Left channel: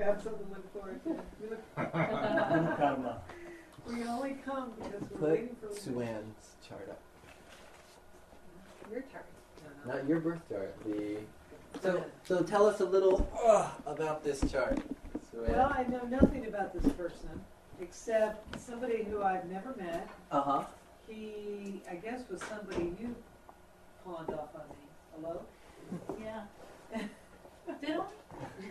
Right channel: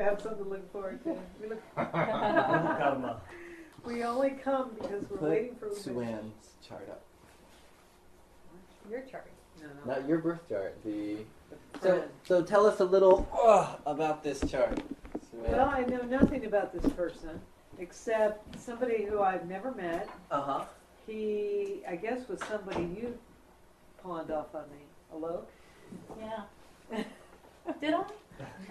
We have something to look forward to. We only come because we're waiting for Suan's chart up. your chart. Not your birth chart. So tell us a little about this chart, Suan. Well, I know nothing about this person except somebody who I've never met. He, I guess, was somebody you pawned off on me. Hello? Yeah. Did I?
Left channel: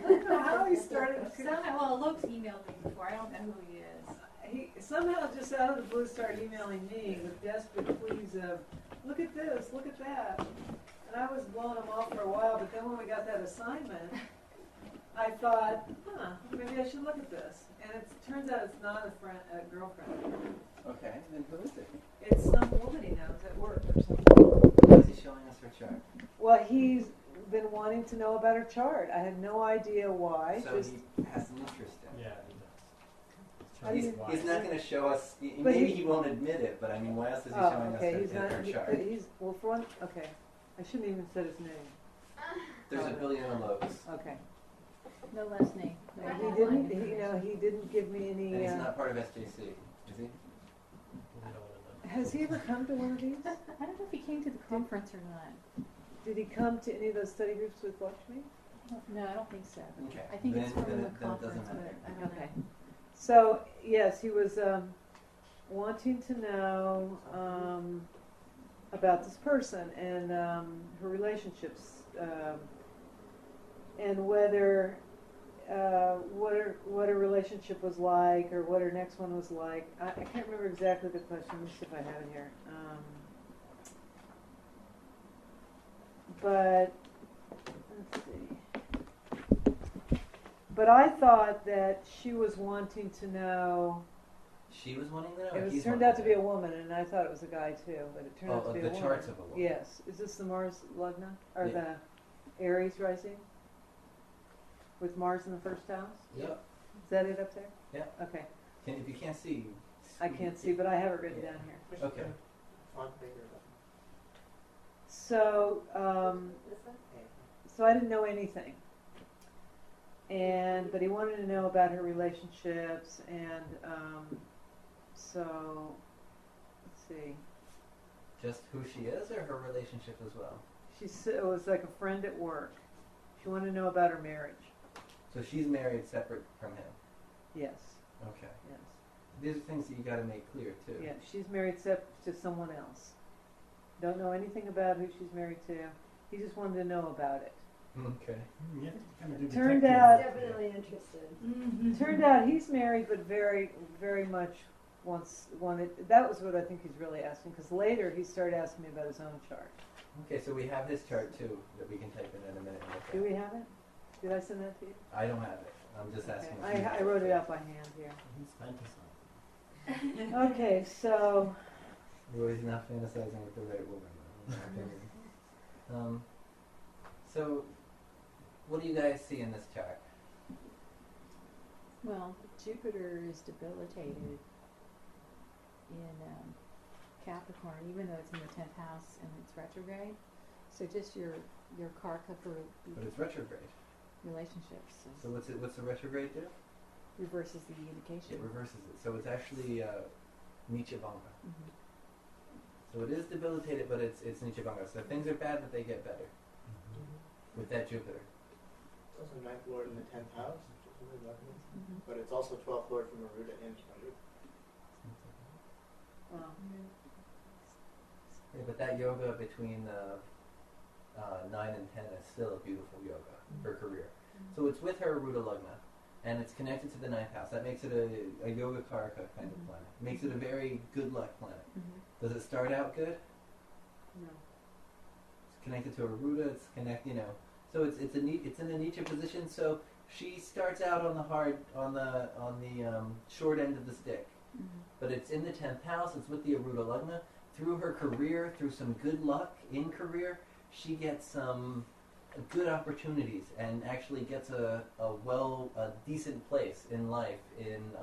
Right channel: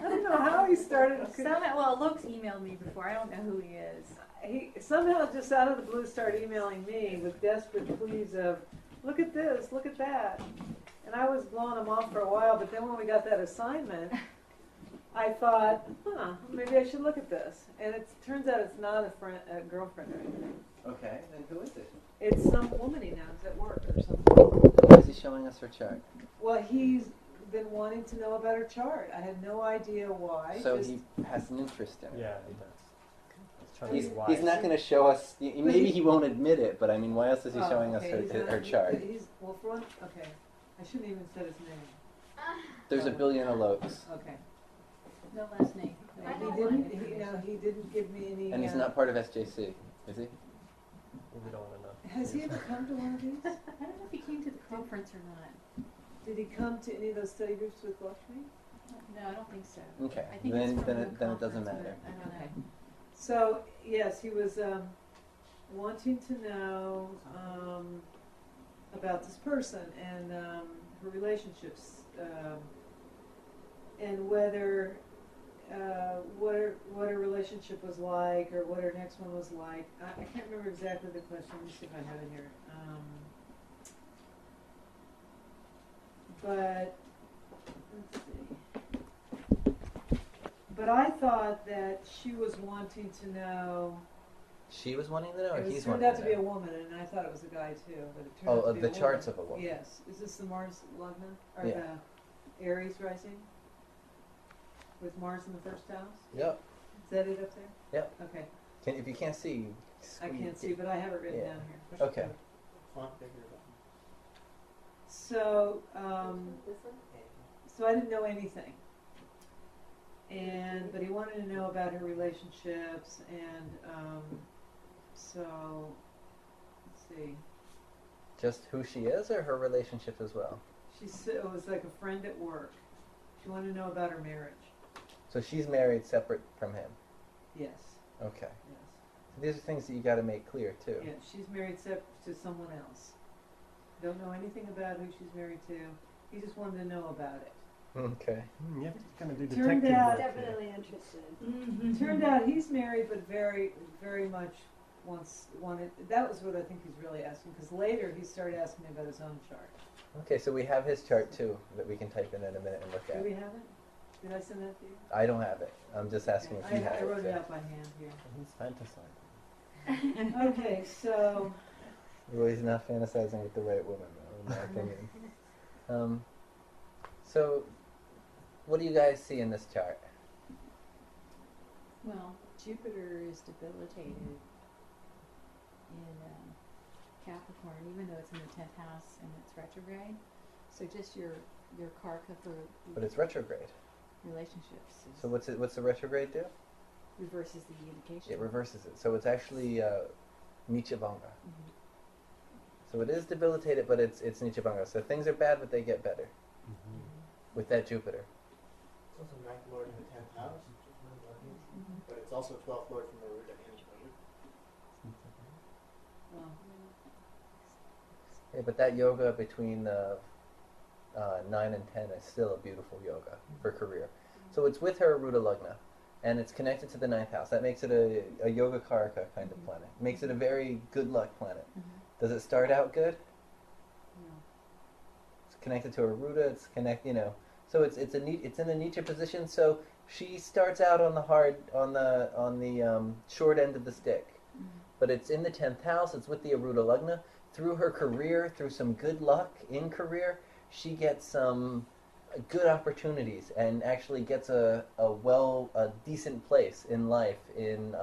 I don't know how he started. Well, Luke's emailed me before. I don't know who he is. He somehow just out of the blue started emailing me with desperate pleas of, look at this, look at that. And I was blowing him off for a while, but then when we got that assignment, I thought, maybe I should look at this. And it turns out it's not a girlfriend. Okay, then who is it? It's some woman he knows at work or something. Why is he showing us her chart? Well, he's been wanting to know about her chart. I had no idea why. So he has an interest in it. Yeah, he does. He's not going to show us. Maybe he won't admit it, but I mean, why else is he showing us her chart? Well, for one, okay. I shouldn't even said his name. There's a billion alokes. Okay. No last name. No He didn't. He didn't give me any. And he's not part of SJC, is he? We don't want to know. Has he ever come to one of these? I don't know if he came to the conference or not. Did he come to any of those study groups with Lakshmi? No, I don't think so. Okay. I think it's from the then conference, it doesn't matter. but I don't know. So yes, he was wanting to know about this person and her relationships and whether what her relationship was like or what her next one was like. I can't remember exactly the question. Let me see if I have it here. But let's see. But I thought that she was wanting to know. She was wanting to know. It Or was he's turned wanting out to be a woman, and I thought it was a guy too. But it turned out to be a woman. The charts of a woman. Yes. Is this the Mars Lagna or Yeah. the Aries rising with Mars in the first house? Yep. Is that it up there? Yep. Okay. If you can't see, I can't see, but I have it written Yeah. down here. Okay. So, so I didn't know anything. But he wanted to know about her relationships, and so let's see. Just who she is, or her relationship as well. It was like a friend at work. She wanted to know about her marriage. So she's married separate from him. Yes. Okay. Yes. These are things that you got to make clear too. Yeah, she's married to someone else. Don't know anything about who she's married to. He just wanted to know about it. Okay. You have to kind of do Turned detective out- work. Definitely interested. Turned out he's married, but very, very much wanted. That was what I think he's really asking. Because later he started asking me about his own chart. Okay, so we have his chart too that we can type in a minute and look at. Do we have it? Did I send that to you? I don't have it. I'm just asking. Okay. if you have I wrote it out by hand here. He's fantasizing. Okay, so Well, he's not fantasizing with the right woman, though, in my opinion. So, what do you guys see in this chart? Well, Jupiter is debilitated in Capricorn, even though it's in the 10th house and it's retrograde. So just your karka for But it's retrograde. relationships So what's the retrograde do? reverses the indication. It reverses it. So it's actually Nichabanga. Mhm. So it is debilitated, but it's Nichabanga. So things are bad, but they get better with that Jupiter. It's also 9th Lord in the 10th house, Mhm. but it's also 12th Lord from Aruda and Aruda. well, Yeah, but that yoga between 9 and 10 is still a beautiful yoga for career. So it's with her Aruda Lagna, and it's connected to the 9th house. That makes it a yoga karaka kind of planet. Makes it a very good luck planet. Mhm. Does it start out good? no. It's connected to Aruda. It's so it's in a Nietzsche position. So she starts out on the short end of the stick, Mhm. but it's in the 10th house. It's with the Aruda Lagna. Through her career, through some good luck in career, she gets some good opportunities and actually gets a decent place in life in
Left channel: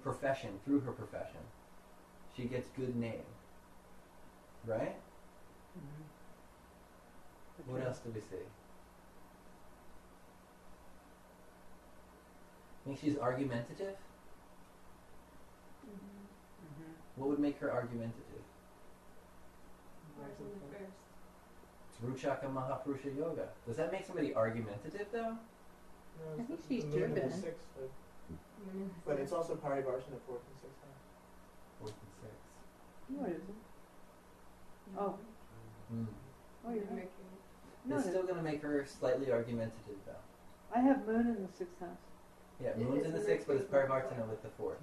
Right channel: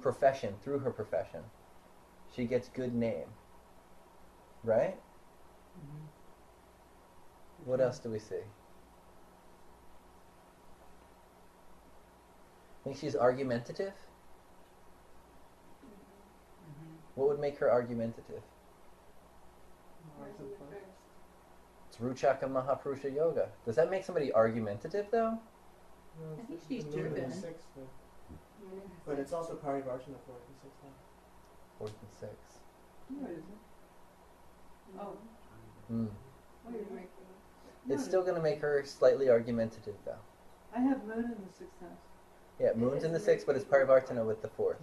profession through her profession. She gets good name, right? What else do we see? Think she's argumentative? Mhm. What would make her argumentative? It's Ruchaka Mahapurusha Yoga. Does that make somebody argumentative though? I think she's Moon in the driven. sixth, but it's also Parivarsha in the fourth and sixth house. 4th and 6th. No, it isn't. Oh, Mm. oh, you're right. No, It's it still isn't. going to make her slightly argumentative though. I have moon in the sixth house. Yeah, moon's in the 6th, but it's Parivartana with the 4th.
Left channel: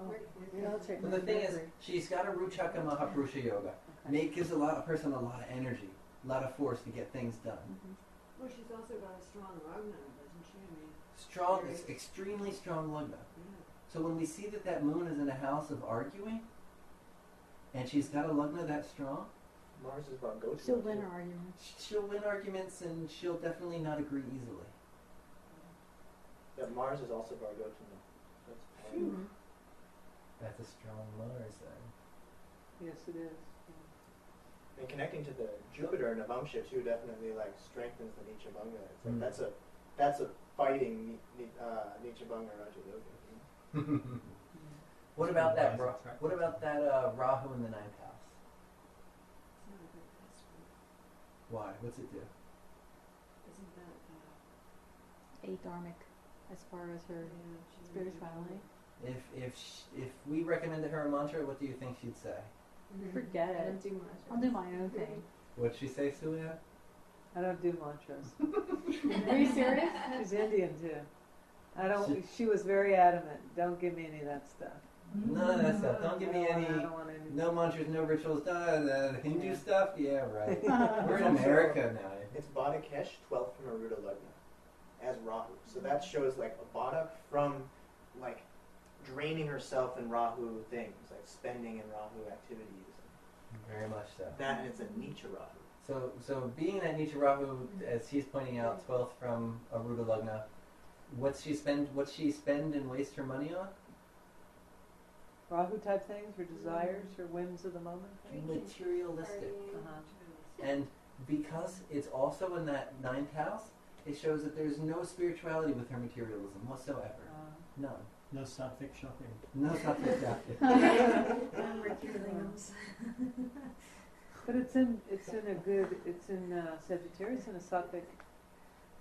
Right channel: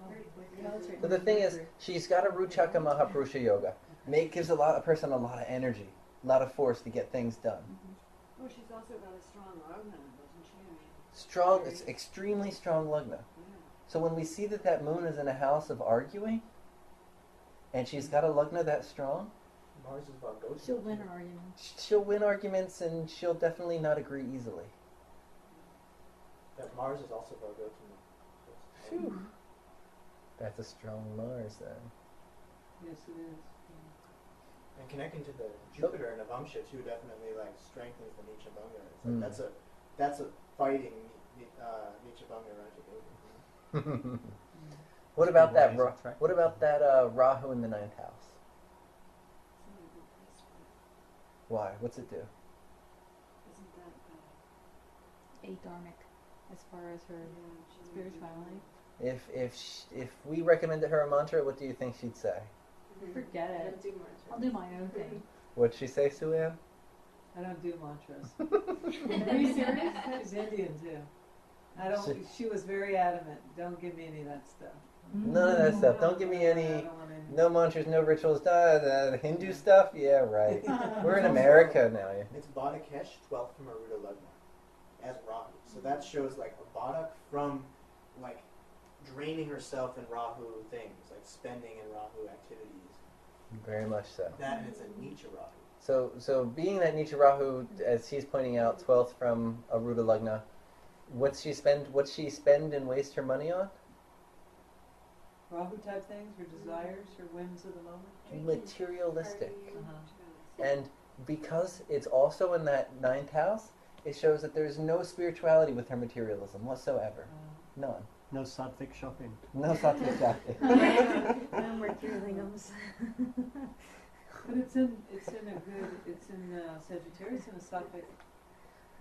Oh, Military. So the thing is, Mercury. she's got a Ruchaka Mahapurusha Yoga. Gives a person a lot of energy, a lot of force to get things done. Mhm. Well, she's also got a strong Lagna, doesn't she? I mean, Strong, Very- it's extremely strong Lagna. yeah. So when we see that that moon is in a house of arguing, and she's got a Lagna that strong, Mars is Vargotra. She'll win her argument. she'll win arguments and she'll definitely not agree easily. Yeah, Mars is also Vargotra. Mhm. That's a strong Mars then. yes, it is. And connecting to the Jupiter and Navamsha too definitely like strengthens the Nichabanga. It's like that's a fighting Nichabanga Raja. What about that? Why is it attractive? What about that Rahu in the 9th house? It's not a good aspect. Why? What's it do? Isn't that, Adharmic, as far as her yeah, she's spirituality. If we recommended her a mantra, what do you think she'd say? Forget I it. don't do much. I'll do my own thing. What'd she say, Sue-Ann? I don't do mantras. Are you serious? She's Indian too. I don't. She was very adamant. Don't give me any of that stuff. None of that stuff. Don't give me I any. don't want any. No mantras, no rituals. The Hindu Yeah. stuff. Yeah, right. We're in America now. It's Badakesh, 12th from Aruda Lagna, as Rahu. So that shows like a Badak from like draining herself in Rahu things, like spending in Rahu activities. Very much so. That and it's a Nietzsche Rahu. So being that Nietzsche Rahu, as he's pointing out, 12th from Aruda Lagna, what's she spend and waste her money on? Rahu type things, her desires, her whims of the moment. Materialistic. Uh-huh. And because it's also in that 9th house, it shows that there's no spirituality with her materialism whatsoever. None. No sattvic shopping. No sattvic shopping. No Mercury lingams. But it's in Sagittarius in a Sattvic.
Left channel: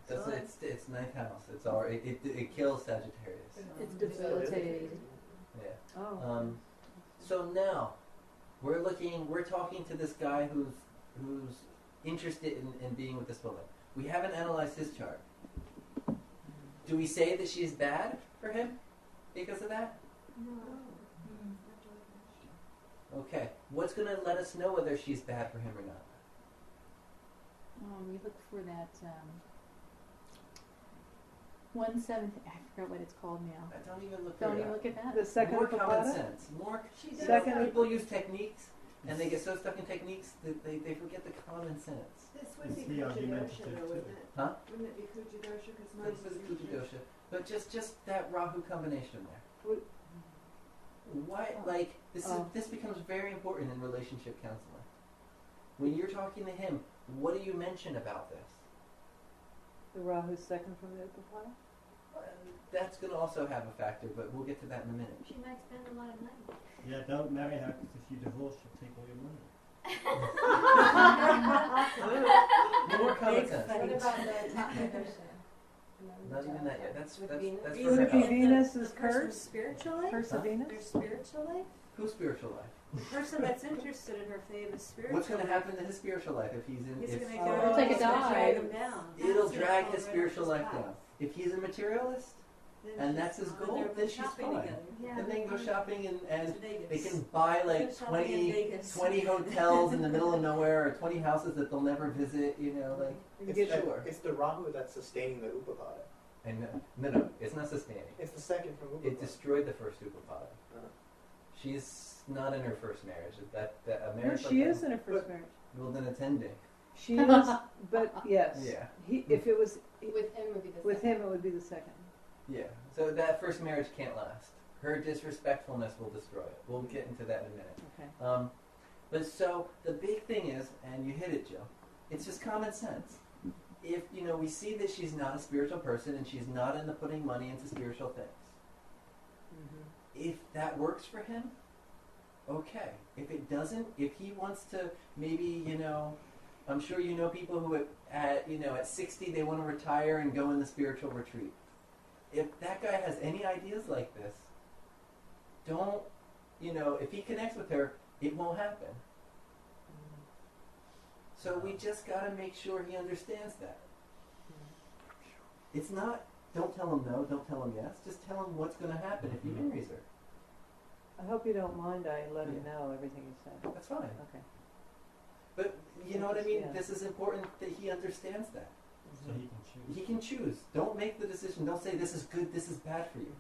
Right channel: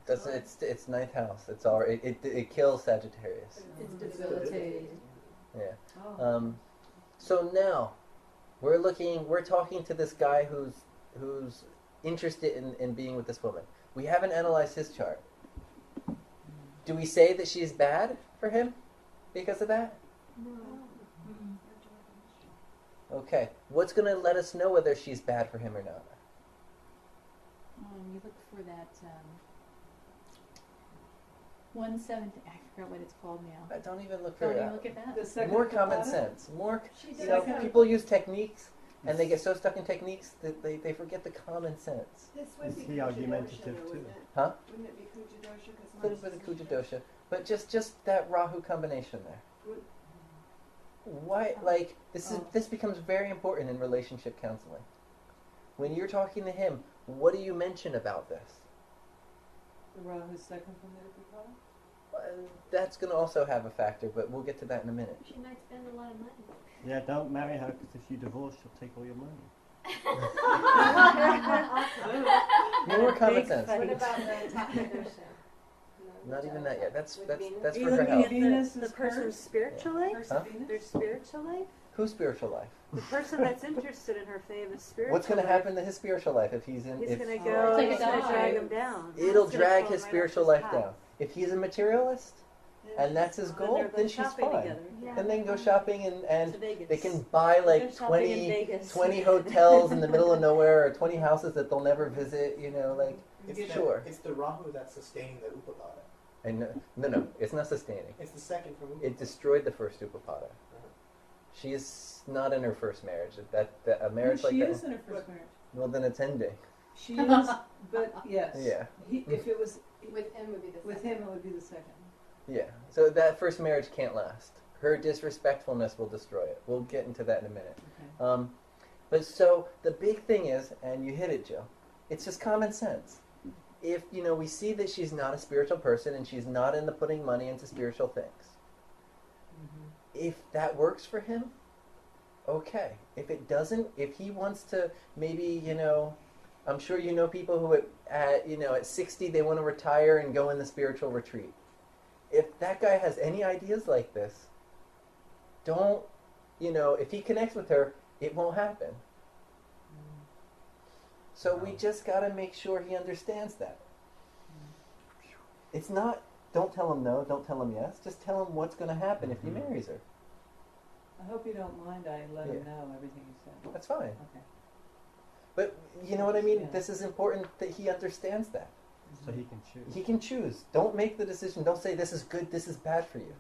It's 9th house. It's already it kills Sagittarius. It's debilitating. Yeah. Oh. So now we're talking to this guy who's interested in being with this woman. We haven't analyzed his chart. Do we say that she's bad for him because of that? No. Okay. What's going to let us know whether she's bad for him or not? You look for that 1/7. I forgot what it's called now. Don't even look for Don't that. even look at that. The second More common Upapada? sense. More. She See, does. Second- people use techniques and they get so stuck in techniques that they forget the common sense. This would be Is he Kujadosha, argumentative though, too? wouldn't it? Huh? Wouldn't it be Kujadosha? Because A Mars little bit of is in Kujadosha, but just that Rahu combination there. Would- Why? Like this becomes very important in relationship counseling. When you're talking to him, what do you mention about this? The Rahu's second from the Upapada? Well, that's going to also have a factor, but we'll get to that in a minute. She might spend a lot of money. Yeah, don't marry her because if you divorce, she'll take all your money. More common sense. What about the Takadosha? Not even that yet. That's With Venus? that's Are you for her looking health. at Venus the is person's cursed? spiritual life? Curse Huh? of Venus? Their spiritual life? Whose spiritual life? The person that's interested in her famous spiritual What's going to life. happen to his spiritual life if he's in? He's if going to Oh. go. Take a it's gonna dive. drag him down. it'll It's gonna drag pull his him right spiritual off life path. down. If he's a materialist, and that's his goal, Then they're then she's shopping fine. together. Yeah. then they can go shopping and To Vegas. they can buy like Go shopping in 20 Vegas. 20 hotels in the middle of nowhere, or 20 houses that they'll never visit. You know, like sure. It's the Rahu that's sustaining the Upapada. And no, it's not sustaining. It's the second from Upapada. It destroyed the first Upapada. She's not in her first marriage. That a No, marriage like she that. is in her first marriage. Well, then it's ending. She is, but yes. Yeah. If it was With him would be the with him, it would be the second. Yeah. So that first marriage can't last. Her disrespectfulness will destroy it. We'll get into that in a minute. Okay. But so the big thing is, and you hit it, Joe. It's just common sense. if, we see that she's not a spiritual person and she's not into putting money into spiritual things, if that works for him, okay. If it doesn't, if he wants to maybe, I'm sure people who at 60 they want to retire and go in the spiritual retreat. If that guy has any ideas like this, don't, if he connects with her, it won't happen. So we just got to make sure he understands that. It's not, don't tell him no, don't tell him yes, just tell him what's going to happen if he marries her. I hope you don't mind I let him Yeah. know everything you said. That's fine. Okay. But you know what I mean? Yeah. This is important that he understands that. So he can choose. He can choose. Don't make the decision. Don't say this is good, this is bad for you.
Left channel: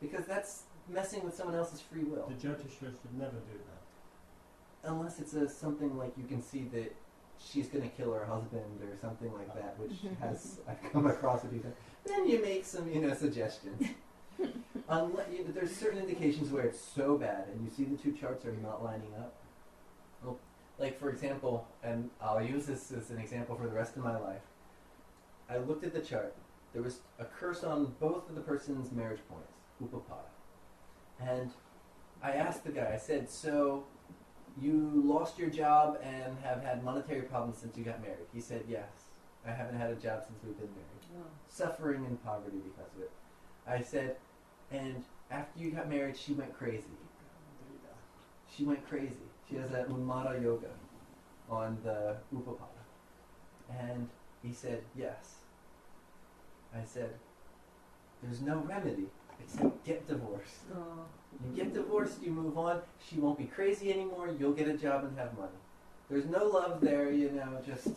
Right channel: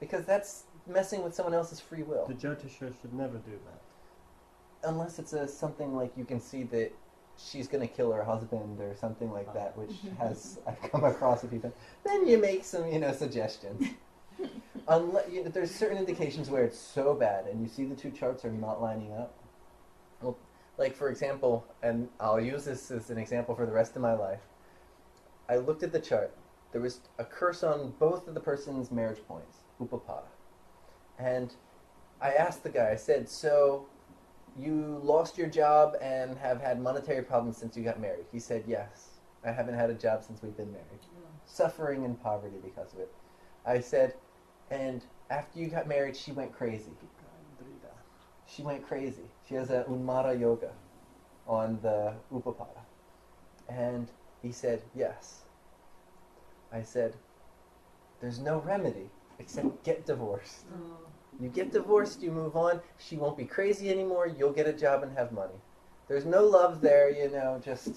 Because that's messing with someone else's free will. The Jyotish should never do that. Unless it's something like you can see that she's going to kill her husband or something like that, which has, I've come across with people. Then you make some, suggestions. There's certain indications where it's so bad and you see the two charts are not lining up. Well, like for example, and I'll use this as an example for the rest of my life. I looked at the chart. There was a curse on both of the person's marriage points, Upapada. And I asked the guy, I said, so you lost your job and have had monetary problems since you got married? He said, yes. I haven't had a job since we've been married. Suffering and poverty because of it. I said, and after you got married, she went crazy. She went crazy. She has a Unmara yoga on the Upapada. And he said, yes. I said, there's no remedy except get divorced. Oh. You get divorced, you move on, she won't be crazy anymore, you'll get a job and have money. There's no love there, just...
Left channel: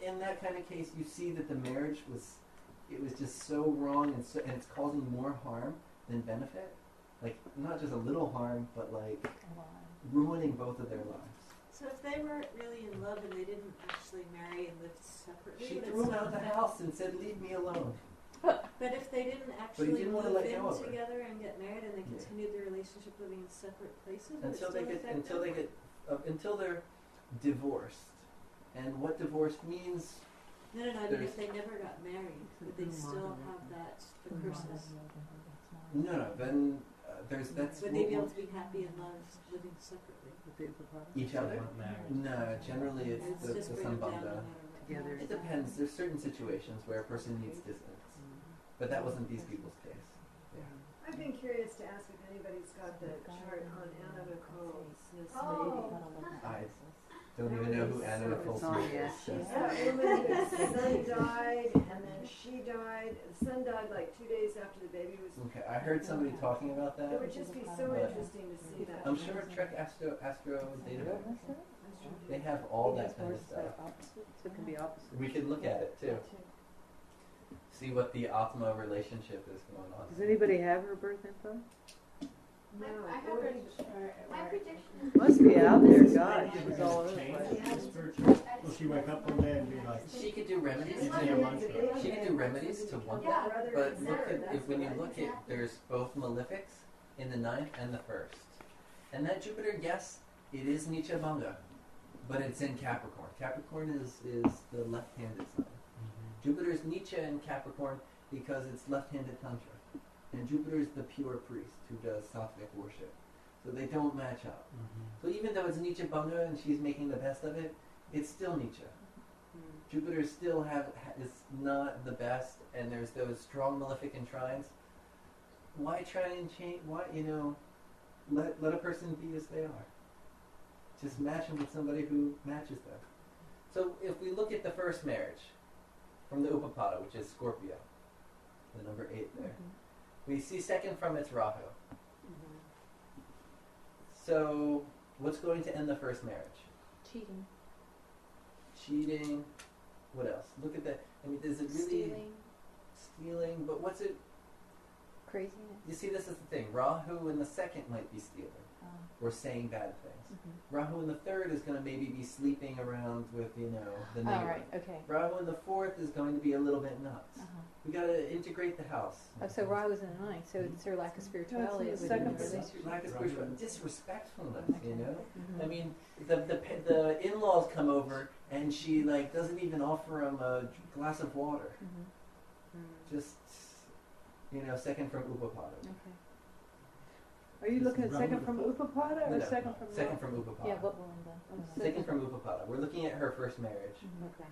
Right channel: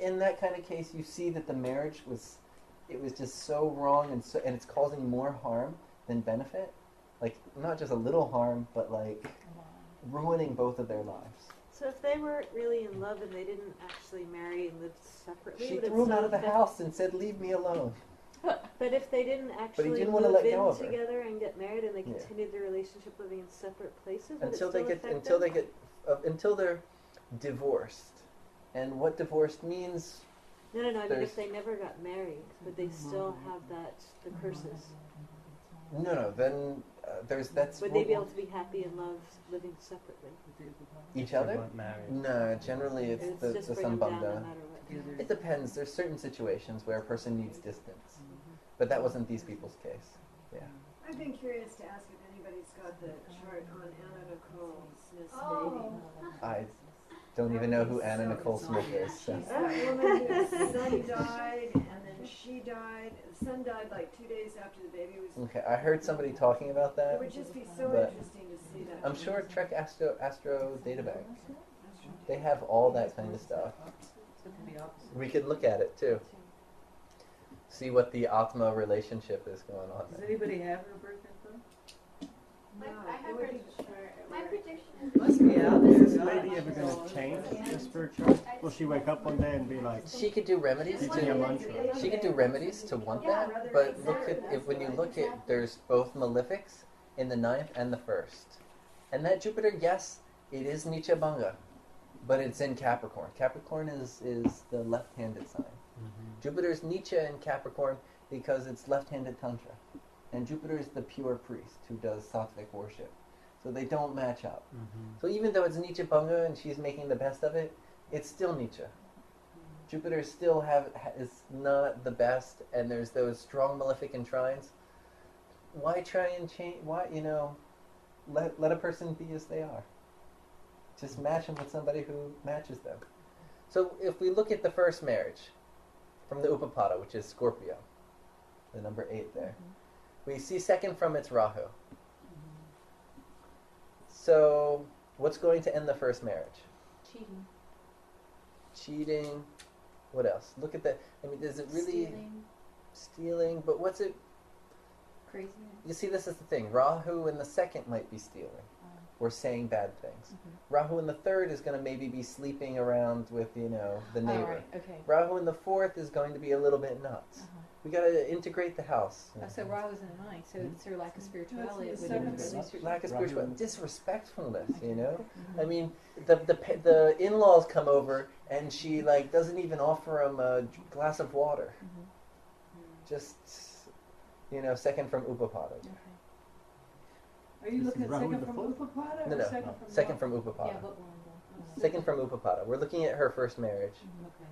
In that kind of case, you see that the marriage was just so wrong and it's causing more harm than benefit. Like, not just a little harm, but like ruining both of their lives. So if they weren't really in love and they didn't actually marry and live separately, She would it threw him still out of the affect- house and said, leave me alone. But if they didn't actually didn't wanna move let go in of her. together and get married and they Yeah. continued their relationship living in separate places, would Until it they still get, affect until them? they get, until they're divorced. And what divorced means, No, I mean there's- if they never got married, would they still have the curses? no, then that's... Would they be able to be happy and love living separately? Each They other? weren't married. No, generally it's It's the just bring them down no sambandha. matter what. Together. It depends. There's certain situations where a person needs distance. But that wasn't these people's case. Yeah. I've been curious to ask if anybody's got the chart on Anna Nicole Smith's Oh. I don't even know who Anna Nicole Smith is. so- baby. That woman whose son died, and then she died. The son died like 2 days after the baby was. Okay, I heard somebody talking about It that. would just be so But interesting to see that. I'm sure Trek Astro Database. They have all that kind of stuff. So it can be opposite. We could look at it too. See what the Atma relationship is going on. Does anybody have her birth info? No, I it have would her, be. my prediction is. Must be out there, Maybe God. ever She's all going over to the change place. the spiritual? Will she wake up one day and be like, She could do remedies. She's a mantra. She could do remedies to want Yeah, that. But look at if when you look at there's both malefics in the 9th and the 1st. And that Jupiter, yes, it is Nicha Bhanga, but it's in Capricorn. Capricorn is the left-handed sign. Jupiter's Nicha in Capricorn because it's left-handed Tantra. And Jupiter is the pure priest who does sattvic worship. So they don't match up. So even though it's Nicha Bhanga and she's making the best of it, it's still Nicha. Jupiter still is not the best, and there's those strong malefic and trines. Why try and change? Why let a person be as they are? Just match them with somebody who matches them. So if we look at the first marriage from the Upapada, which is Scorpio, the number 8 there, we see second from its Rahu. So what's going to end the first marriage? Cheating. Cheating. What else? Look at that. I mean, is it really Stealing. stealing? But what's it? craziness. You see, this is the thing. Rahu in the second might be stealing or saying bad things. Rahu in the third is going to maybe be sleeping around with, the neighbor. Oh, right, okay. Rahu in the fourth is going to be a little bit nuts. We got to integrate the house. Oh, so Rahu's in the ninth, so it's her lack of spirituality. It's It the wouldn't second really. Lack of Rahu. spiritual disrespectfulness, Mhm. I mean, the in-laws come over and she like doesn't even offer him a glass of water. Just second from Upapada. Okay. Are you This looking is at Rahu second the from fourth? Upapada or second from second Ra? from Upapada. Yeah, what Belinda? Second from Upapada. We're looking at her first marriage. Okay.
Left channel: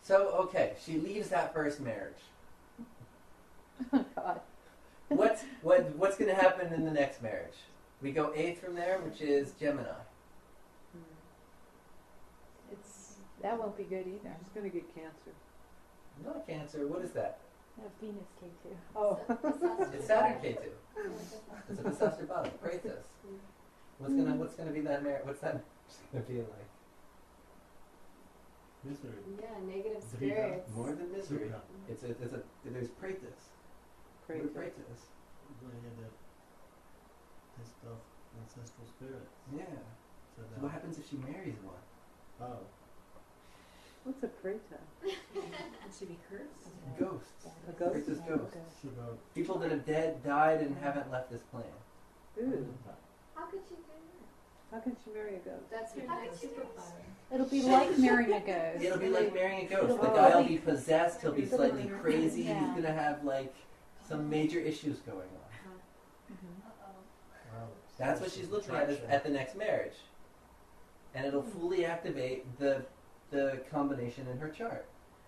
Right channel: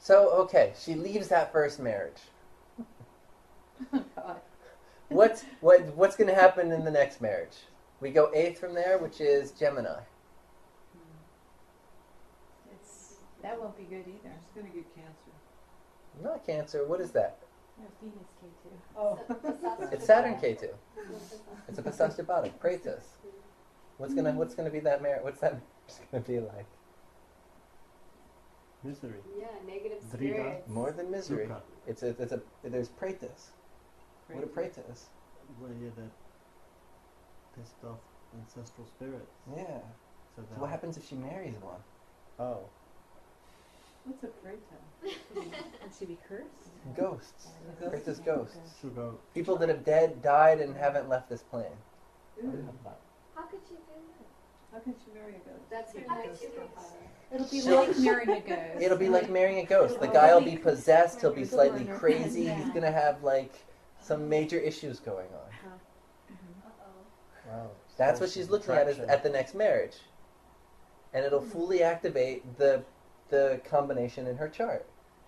So okay, she leaves that first marriage. Oh, God. What's going to happen in the next marriage? We go eighth from there, which is Gemini. That won't be good either. She's gonna get cancer. Not Cancer. What is that? Venus K2. Oh. It's Saturn K2. It's a Pasashtabada. Praetus. What's gonna be that marriage? What's that marriage gonna be like? Misery. Yeah, negative Drida. spirits. More than misery. Dukkha. There's Praetus. What are Praetus? Where you're the pissed off ancestral spirits. Yeah. So So what happens if she marries one? Oh. What's a preta? And she be cursed? Ghosts. A ghost? Praetus ghosts. Sugar. People that have died and haven't left this plane. Ooh. How could she do that? How can she marry a ghost? That's Yeah. how could she do that? It'll be like marrying a ghost. It'll be like marrying a ghost. The It'll guy will be- be possessed. He'll be It'll slightly learn- crazy. yeah. He's gonna have like some major issues going on. Mhm. Uh-oh. Wow. That's what she's looking at is at the next marriage, and it'll fully activate the combination in her chart.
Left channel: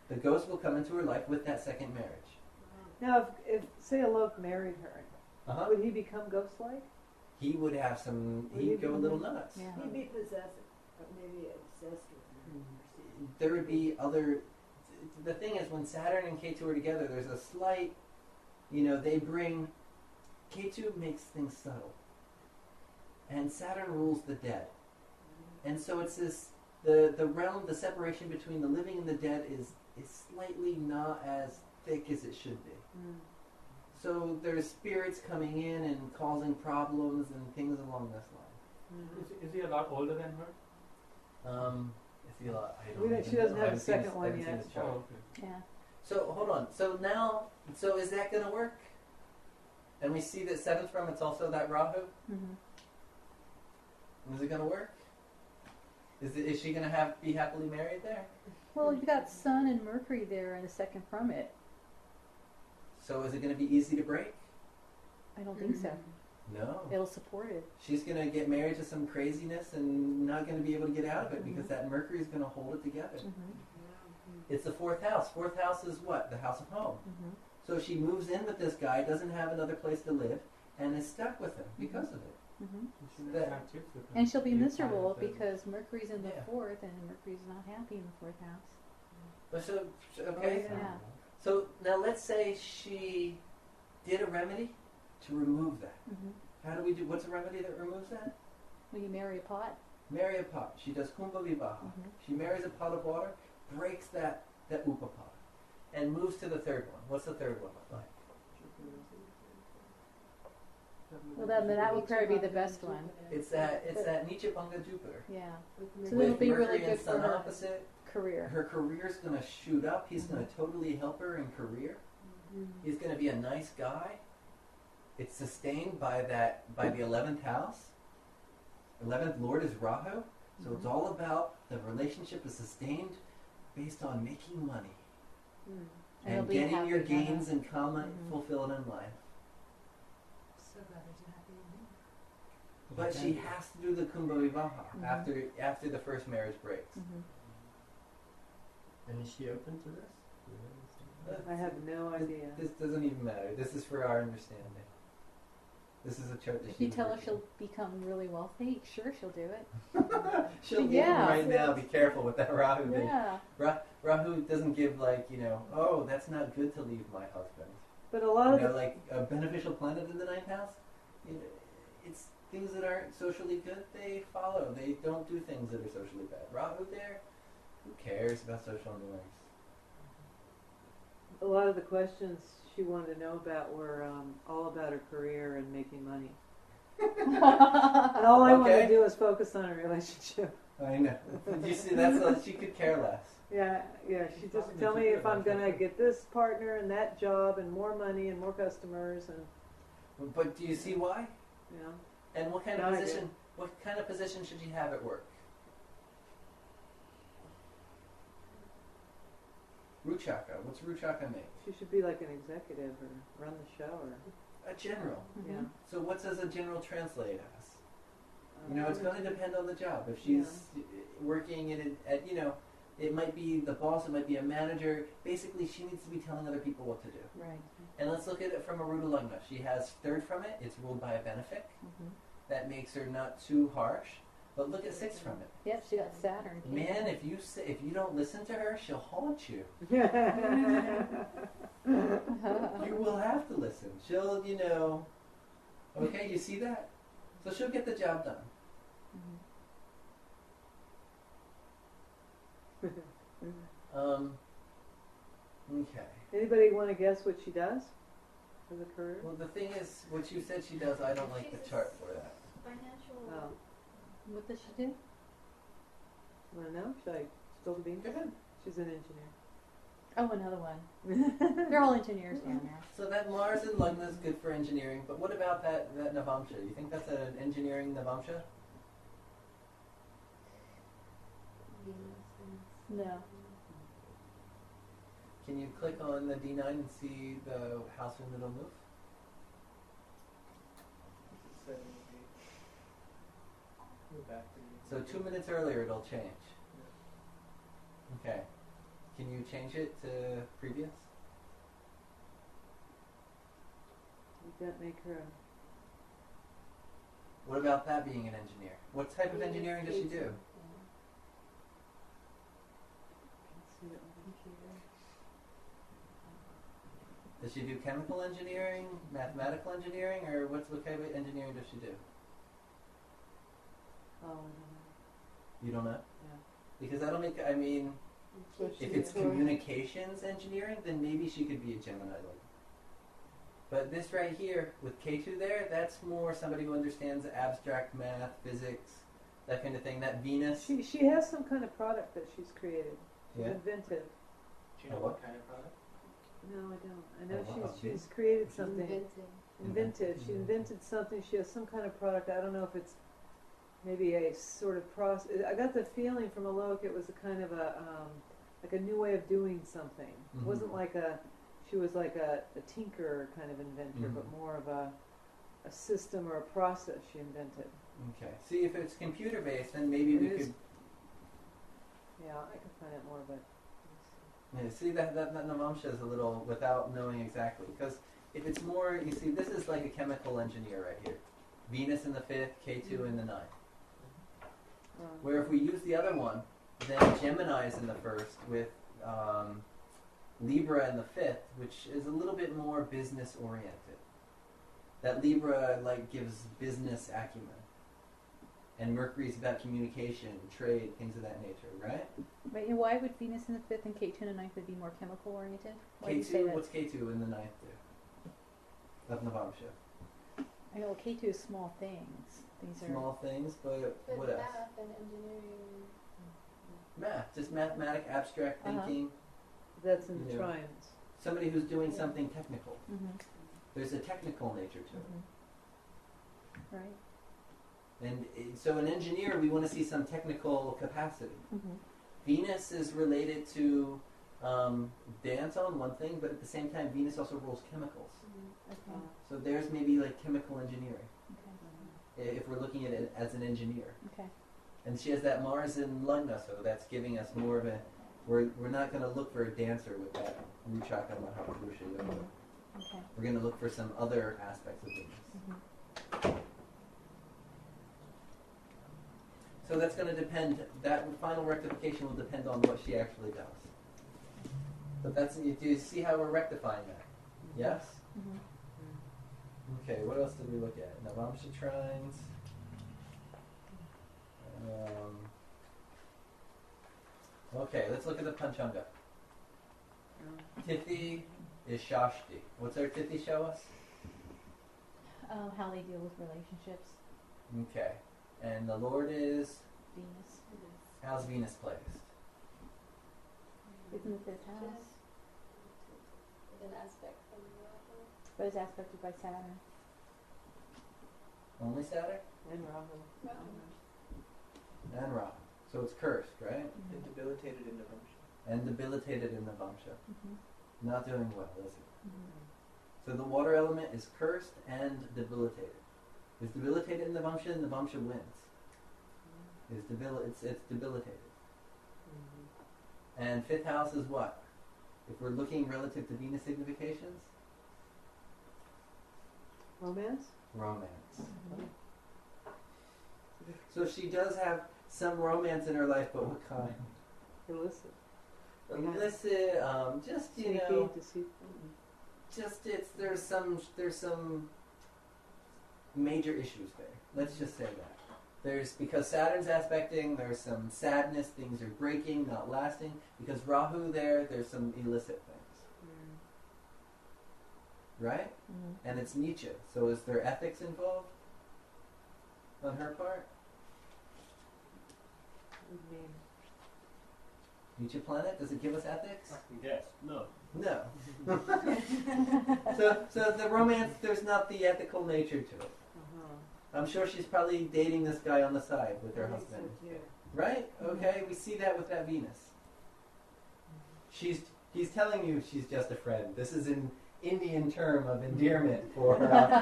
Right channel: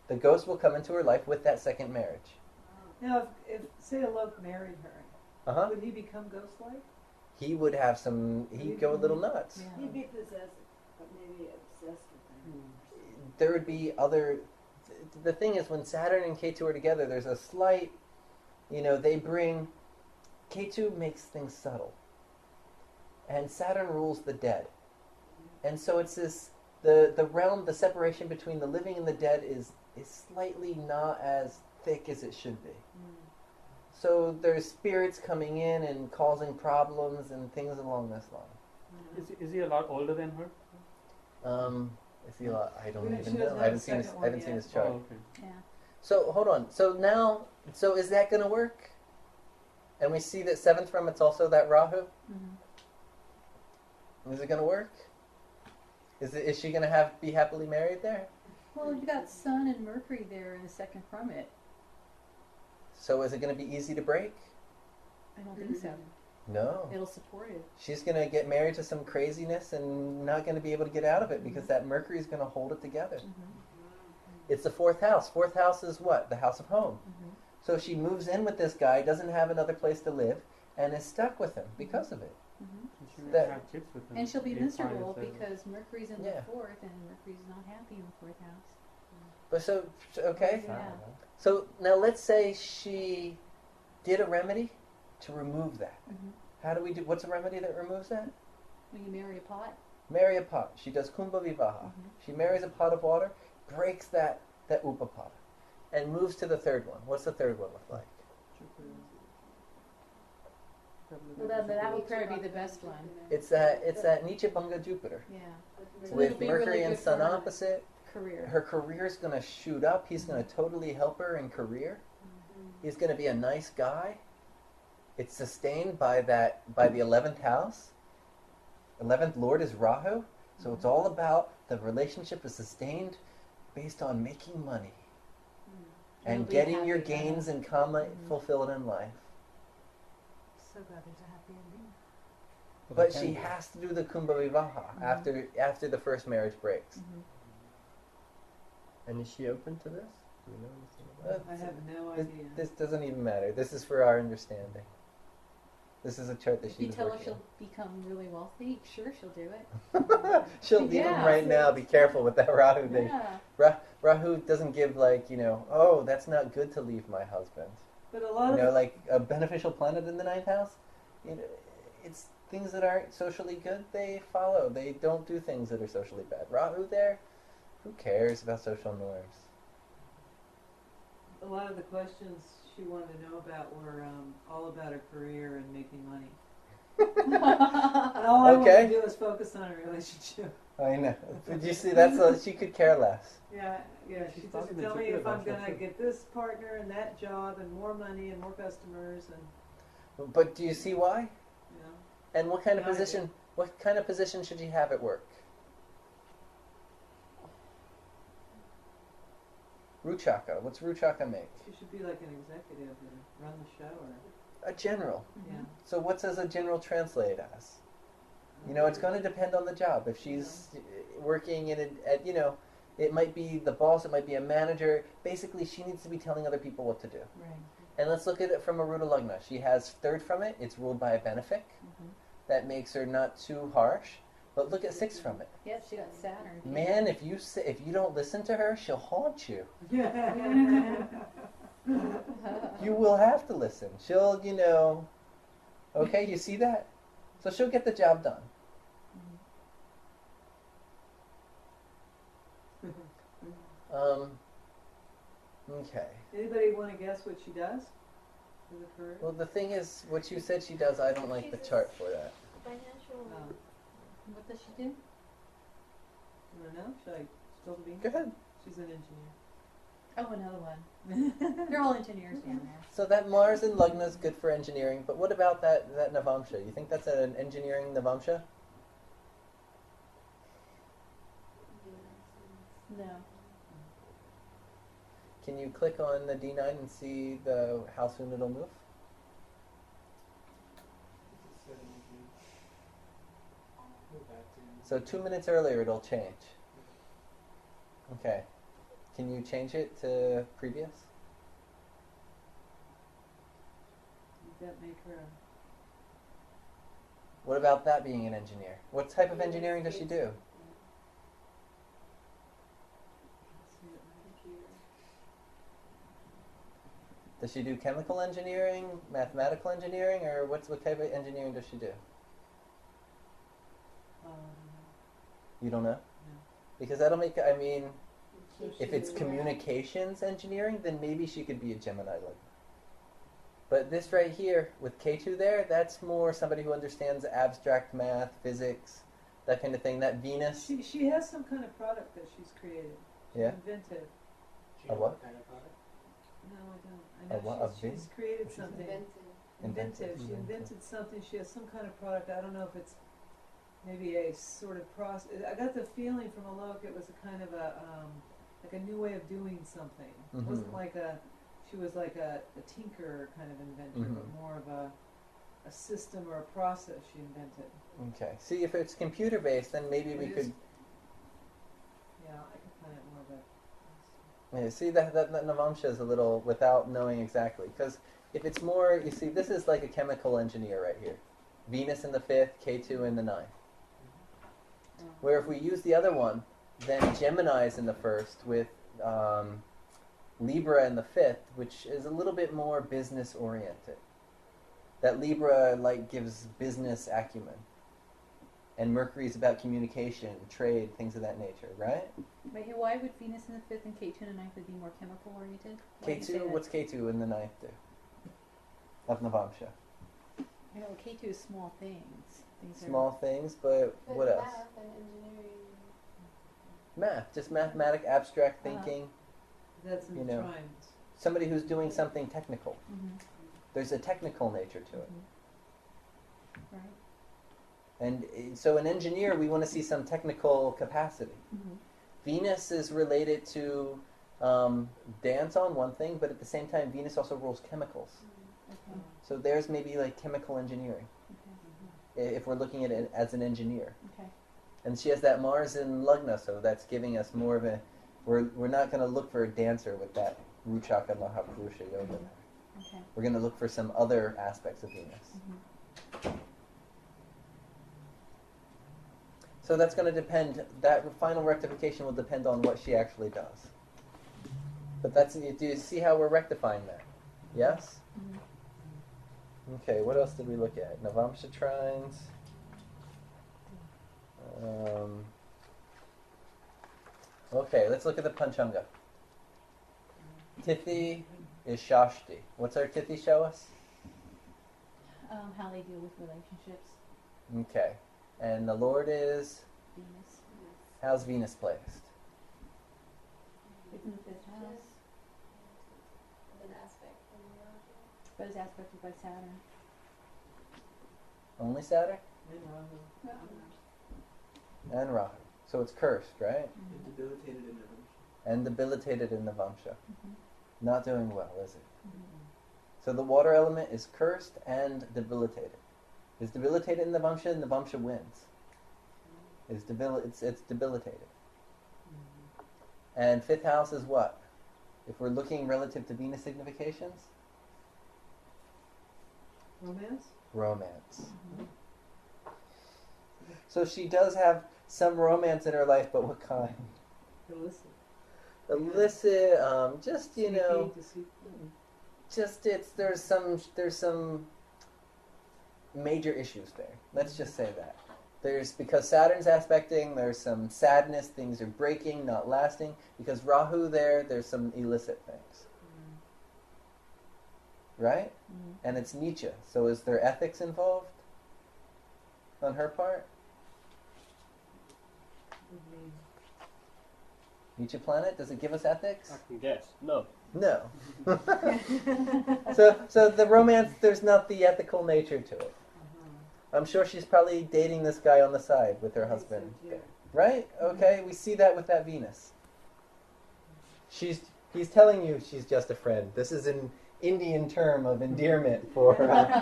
The ghost will come into her life with that second marriage. Now, if say Alok married her, Uh-huh. would he become ghost-like? He would have some. He'd go a little nuts. Yeah. He'd be possessive, but maybe obsessed with her. There would be other. The thing is, when Saturn and K2 are together, there's a slight. They bring. K2 makes things subtle. And Saturn rules the dead. And so it's this. The realm, the separation between the living and the dead is slightly not as thick as it should be. So there's spirits coming in and causing problems and things along this line. Is he a lot older than her? Is he a lot? I don't We don't- even she know. doesn't I have haven't the seen his, second I one haven't seen yet. his chart. Oh, okay. Yeah. So hold on. So is that going to work? And we see that seventh from it's also that Rahu. Is it going to work? Is she going to be happily married there? Well, you got Sun and Mercury there in a second from it. So is it going to be easy to break? I don't think so. No. It'll support it. She's going to get married to some craziness and not going to be able to get out of it because that Mercury is going to hold it together. It's the fourth house. Fourth house is what? The house of home. So she moves in with this guy, doesn't have another place to live, and is stuck with him because of it. You should That- have chips with him. And she'll be Eight miserable points, because Mercury's in the Yeah. fourth, and Mercury's not happy in the fourth house. But okay. Yeah. So now let's say she did a remedy to remove that. How do we do? What's a remedy that removes that? When you marry a pot. Marry a pot. She does kumbha vivaha. She marries a pot of water, breaks that upapada, and moves to the third one. What's the third one look like? Well, then that would probably be the best one. It's that Nichabanga Jupiter. Yeah. So With it'll be Mercury really and good Sun for her opposite. career. Her career's gonna shoot up. He's gonna totally help her in career. He's gonna be a nice guy. It's sustained by the 11th house. 11th Lord is Rahu, so it's all about the relationship is sustained based on making money And he'll and be getting your happy, I know. gains and karma fulfilled in life. So glad there's a happy ending. But she has to do the kumbha vivaha after the first marriage breaks. And is she open to this? Do we know anything about it? I have no idea. This doesn't even matter. This is for our understanding. This is a chart that If she you was tell her working she'll become really wealthy, sure she'll do it. She'll give him Yeah. right now. Be careful with that Rahu thing. Yeah. Rahu doesn't give oh, that's not good to leave my husband. But a lot of the, Like a beneficial planet in the ninth house, it's things that aren't socially good. They follow. They don't do things that are socially bad. Rahu there, who cares about social norms? a a lot of the questions she wanted to know about were all about her career and making money. And all I wanted Okay. to do was focus on her relationship. I know. Did you see? That's she could care less. Yeah, yeah. She Probably just the tell me Jupiter if I'm version. gonna get this partner and that job and more money and more customers and But do you see why? you know. And what kind of No, I do. position? What kind of position should she have at work? Ruchaka. What's Ruchaka make? She should be like an executive or run the show or A general. yeah. So what does a general translate as? You know, it's going to depend on the job. If she's working at it might be the boss, it might be a manager. Basically, she needs to be telling other people what to do. Right. And let's look at it from a Ruda Lagna. She has third from it. It's ruled by a benefic. Mm-hmm. That makes her not too harsh. But look at six from it. Yep, she got Saturn. too. Man, if you don't listen to her, she'll haunt you. You will have to listen. She'll, okay, you see that? So she'll get the job done. Okay. Anybody want to guess what she does for the career? Well, the thing is, what you said she does, I don't like the chart for that. Financial. Oh, What does she do? you want to know? Should I spill the beans? Go ahead. She's an engineer. Oh, another one. They're all engineers down there. So that Mars in Lagna is good for engineering, but what about that Navamsha? You think that's an engineering Navamsha? No. Can you click on the D9 and see how soon it'll move? So 2 minutes earlier it'll change. Okay. Can you change it to previous? Would that make her What about that being an engineer? What type of engineering does she do? Does she do chemical engineering, mathematical engineering, or what type of engineering does she do? Oh, You don't know? No. Because that'll make, I mean, So if she it's is- communications engineering, then maybe she could be a Gemini like. But this right here with K2 there, that's more somebody who understands abstract math, physics, that kind of thing. That Venus. She has some kind of product that she's created. She's Yeah. inventive. Do you know what? what kind of product? No, I don't. I A know what, a she's created something. Inventing. Inventive. She invented something. She has some kind of product. I don't know if it's maybe a sort of process. I got the feeling from Alok it was a kind of a like a new way of doing something. It wasn't like she was like a tinker kind of inventor, but more of a system or a process she invented. Okay. See, if it's computer based, then maybe we It is. could. Yeah, I could find out more, but Yeah, see that Navamsha is a little without knowing exactly, because if it's more, you see, this is like a chemical engineer right here. Venus in the 5th, K2 in the 9th. Where if we use the other one, then Gemini is in the 1st with Libra in the 5th, which is a little bit more business oriented. That Libra like gives business acumen. And Mercury is about communication, trade, things of that nature, right? Wait, and why would Venus in the 5th and K2 in the 9th would be more chemical oriented? Why do you say K2, that? what's K2 in the 9th do? Of Navamsha. I know K2 is small things. Things are Small things, but But what else? math and engineering. Math, just mathematic, abstract thinking. that's in You the know. trines. Somebody who's doing something technical. Mm-hmm. There's a technical nature to it. Right. And so an engineer, we want to see some technical capacity. Mm-hmm. Venus is related to dance on one thing, but at the same time, Venus also rules chemicals. Okay. So there's maybe like chemical engineering, Okay. if we're looking at it as an engineer. Okay. And she has that Mars in Lagna, so that's giving us more of a. We're not going to look for a dancer with that Ruchaka Mahaprusha Yoga. Okay. We're going to look for some other aspects of Venus. Mm-hmm. So that's going to depend. That final rectification will depend on what she actually does. But do you see how we're rectifying that? Yes. Mm-hmm. Okay. What else did we look at? Navamsha trines. Okay, let's look at the Panchanga. Tithi is Shastri. What's our Tithi show us? How they deal with relationships. Okay. And the Lord is? Venus. How's Venus placed? It's in the 5th house, With an aspect from the Rahu. but it's aspected by Saturn. Only Saturn? And Rahu. And Rahu. So it's cursed, right? Get debilitated in the vamsha. And debilitated in the Vamsha. Mm-hmm. Not doing well, is it? Mm-hmm. So the water element is cursed and debilitated. Is debilitated in the Vamsha, and the Vamsha wins. It's debilitated. And 5th house is what? If we're looking relative to Venus significations? Romance? Romance. So she does have some romance in her life, but what kind? Illicit. Illicit, just, you Sneaky, know, deceitful. just there's some major issues there. Let's just say that. Because Saturn's aspecting, there's some sadness, things are breaking, not lasting. Because Rahu there's some illicit things. Right? Mm-hmm. And it's Nietzsche. So is there ethics involved on her part? Nietzsche planet, does it give us ethics? Yes. No. No. So the romance, there's not the ethical nature to it. I'm sure she's probably dating this guy on the side with her husband. Right? Okay, we see that with that Venus. He's telling you she's just a friend. This is an Indian term of endearment for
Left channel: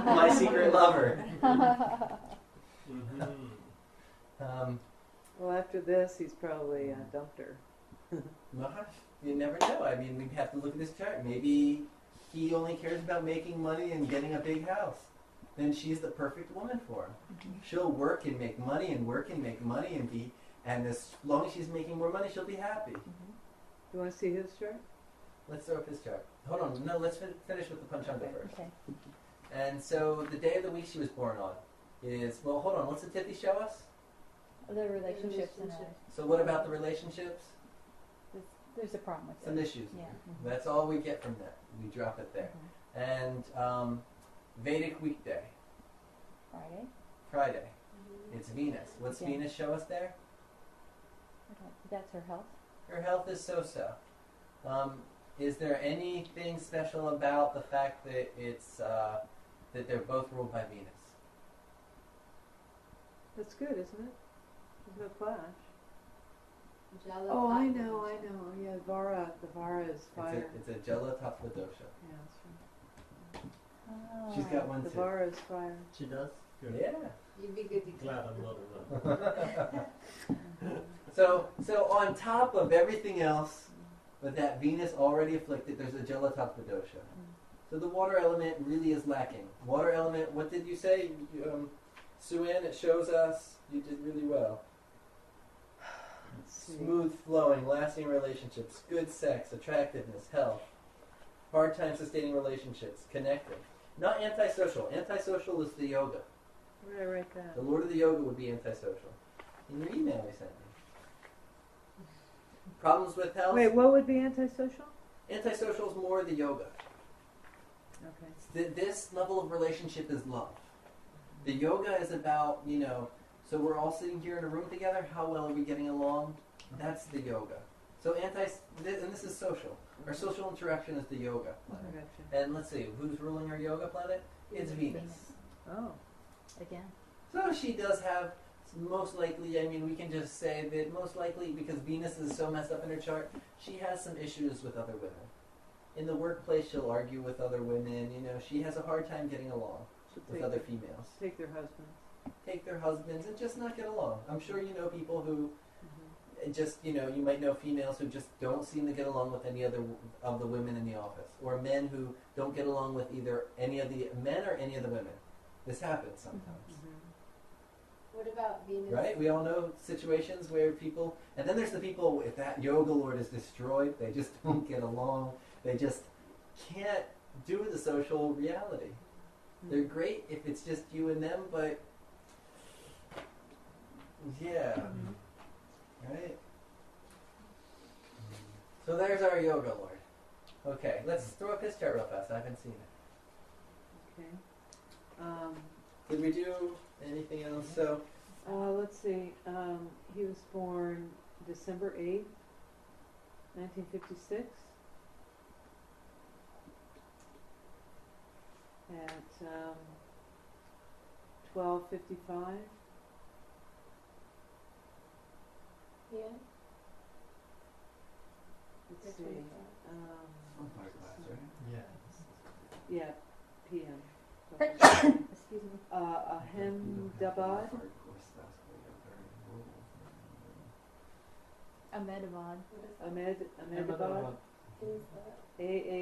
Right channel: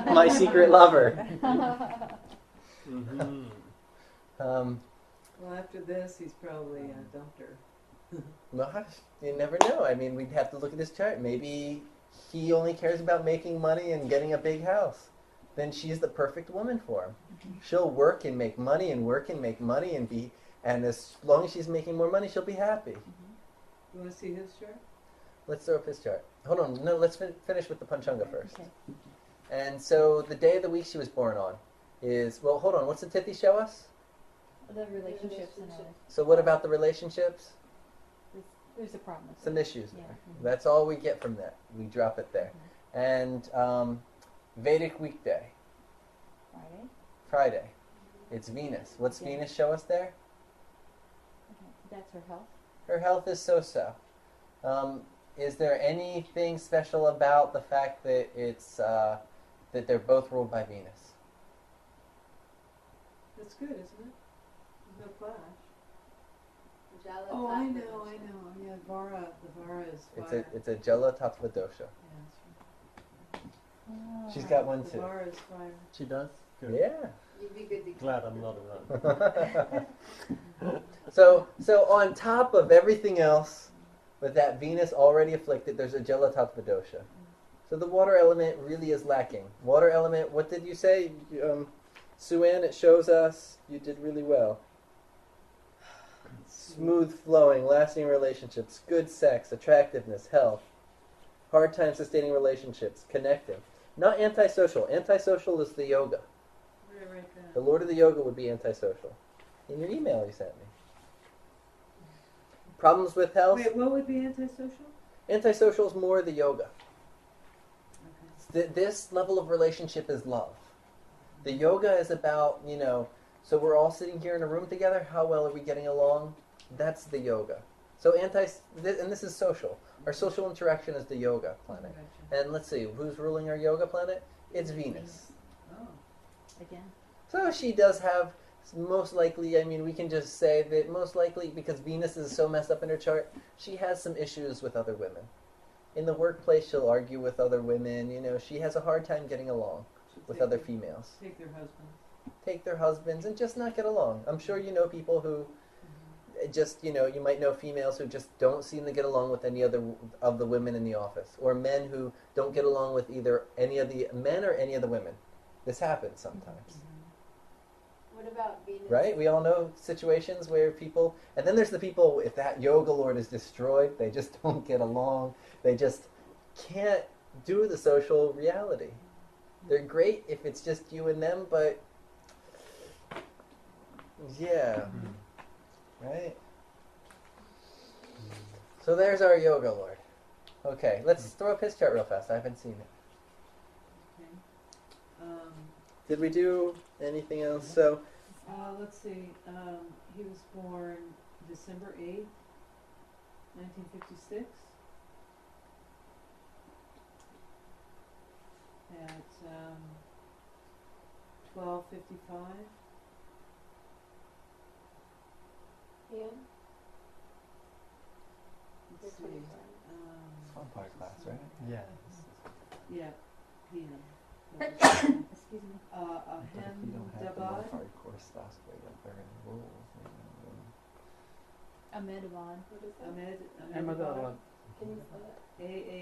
my secret lover. Mm-hmm. Well, after this, he's probably dumped her. Well, you never know. I mean, we'd have to look at this chart. Maybe he only cares about making money and getting a big house. Then she's the perfect woman for him. Mm-hmm. She'll work and make money and work and make money and as long as she's making more money, she'll be happy. Mm-hmm. You want to see his chart? Let's throw up his chart. Hold on. No, let's finish with the Panchanga first. Okay. And so the day of the week she was born on is, well, hold on. What's the Tithi show us? The relationships in her life. So what about the relationships? There's a problem with Some it. issues. Yeah. That's all we get from that. We drop it there. And Vedic weekday, Friday. It's Venus. What's Okay. Venus show us there? Okay. That's her health. Her health is so-so. Is there anything special about the fact that it's that they're both ruled by Venus? That's good, isn't it? There's no clash. Jala Oh, I Tattva know. dosha. Yeah, the Vara is fire. It's a Jala Tattva dosha. Yeah, that's right. Oh. She's got one The too. Vara is fire. She does? Good. Yeah. You'd be good to Glad I'm not around. So on top of everything else, with that Venus already afflicted, there's a Jala Tattva dosha. So the water element really is lacking. Water element, what did you say? Suan, it shows us you did really well. Smooth flowing, lasting relationships, good sex, attractiveness, health, hard time sustaining relationships, connecting. Not antisocial. Antisocial is the yoga. Where did I write that? The Lord of the Yoga would be antisocial. In your email you sent me. Problems with health? Wait, what would be antisocial? Antisocial is more the yoga. Okay. This level of relationship is love. The yoga is about, so we're all sitting here in a room together. How well are we getting along? That's the yoga. So and this is social. Our social interaction is the yoga planet. Gotcha. And let's see, who's ruling our yoga planet? It's Venus. Oh. Again. So she does have, most likely, we can just say that most likely, because Venus is so messed up in her chart, she has some issues with other women. In the workplace, she'll argue with other women. She has a hard time getting along with other females. Take their husbands. Take their husbands and just not get along. I'm sure you know people who just, you might know females who just don't seem to get along with any other of the women in the office. Or men who don't get along with either any of the men or any of the women. This happens sometimes. What about Venus? Right? We all know situations where people, and then there's the people, if that yoga lord is destroyed, they just don't get along. They just can't do the social reality. They're great if it's just you and them, but yeah. Right? So there's our yoga lord. Okay, let's throw up his chart real fast. I haven't seen it. Okay. Did we do anything else? So, Let's see, he was born December 8th, 1956 at 12:55. Ian? Let's see, vampire class, right? Yeah. yeah, PM. Excuse me. Ahemdabad. Hardcore stuff, but very rules. Ahmedabad. What is that? Ahmedabad. Can you spell that? Ahmedabad.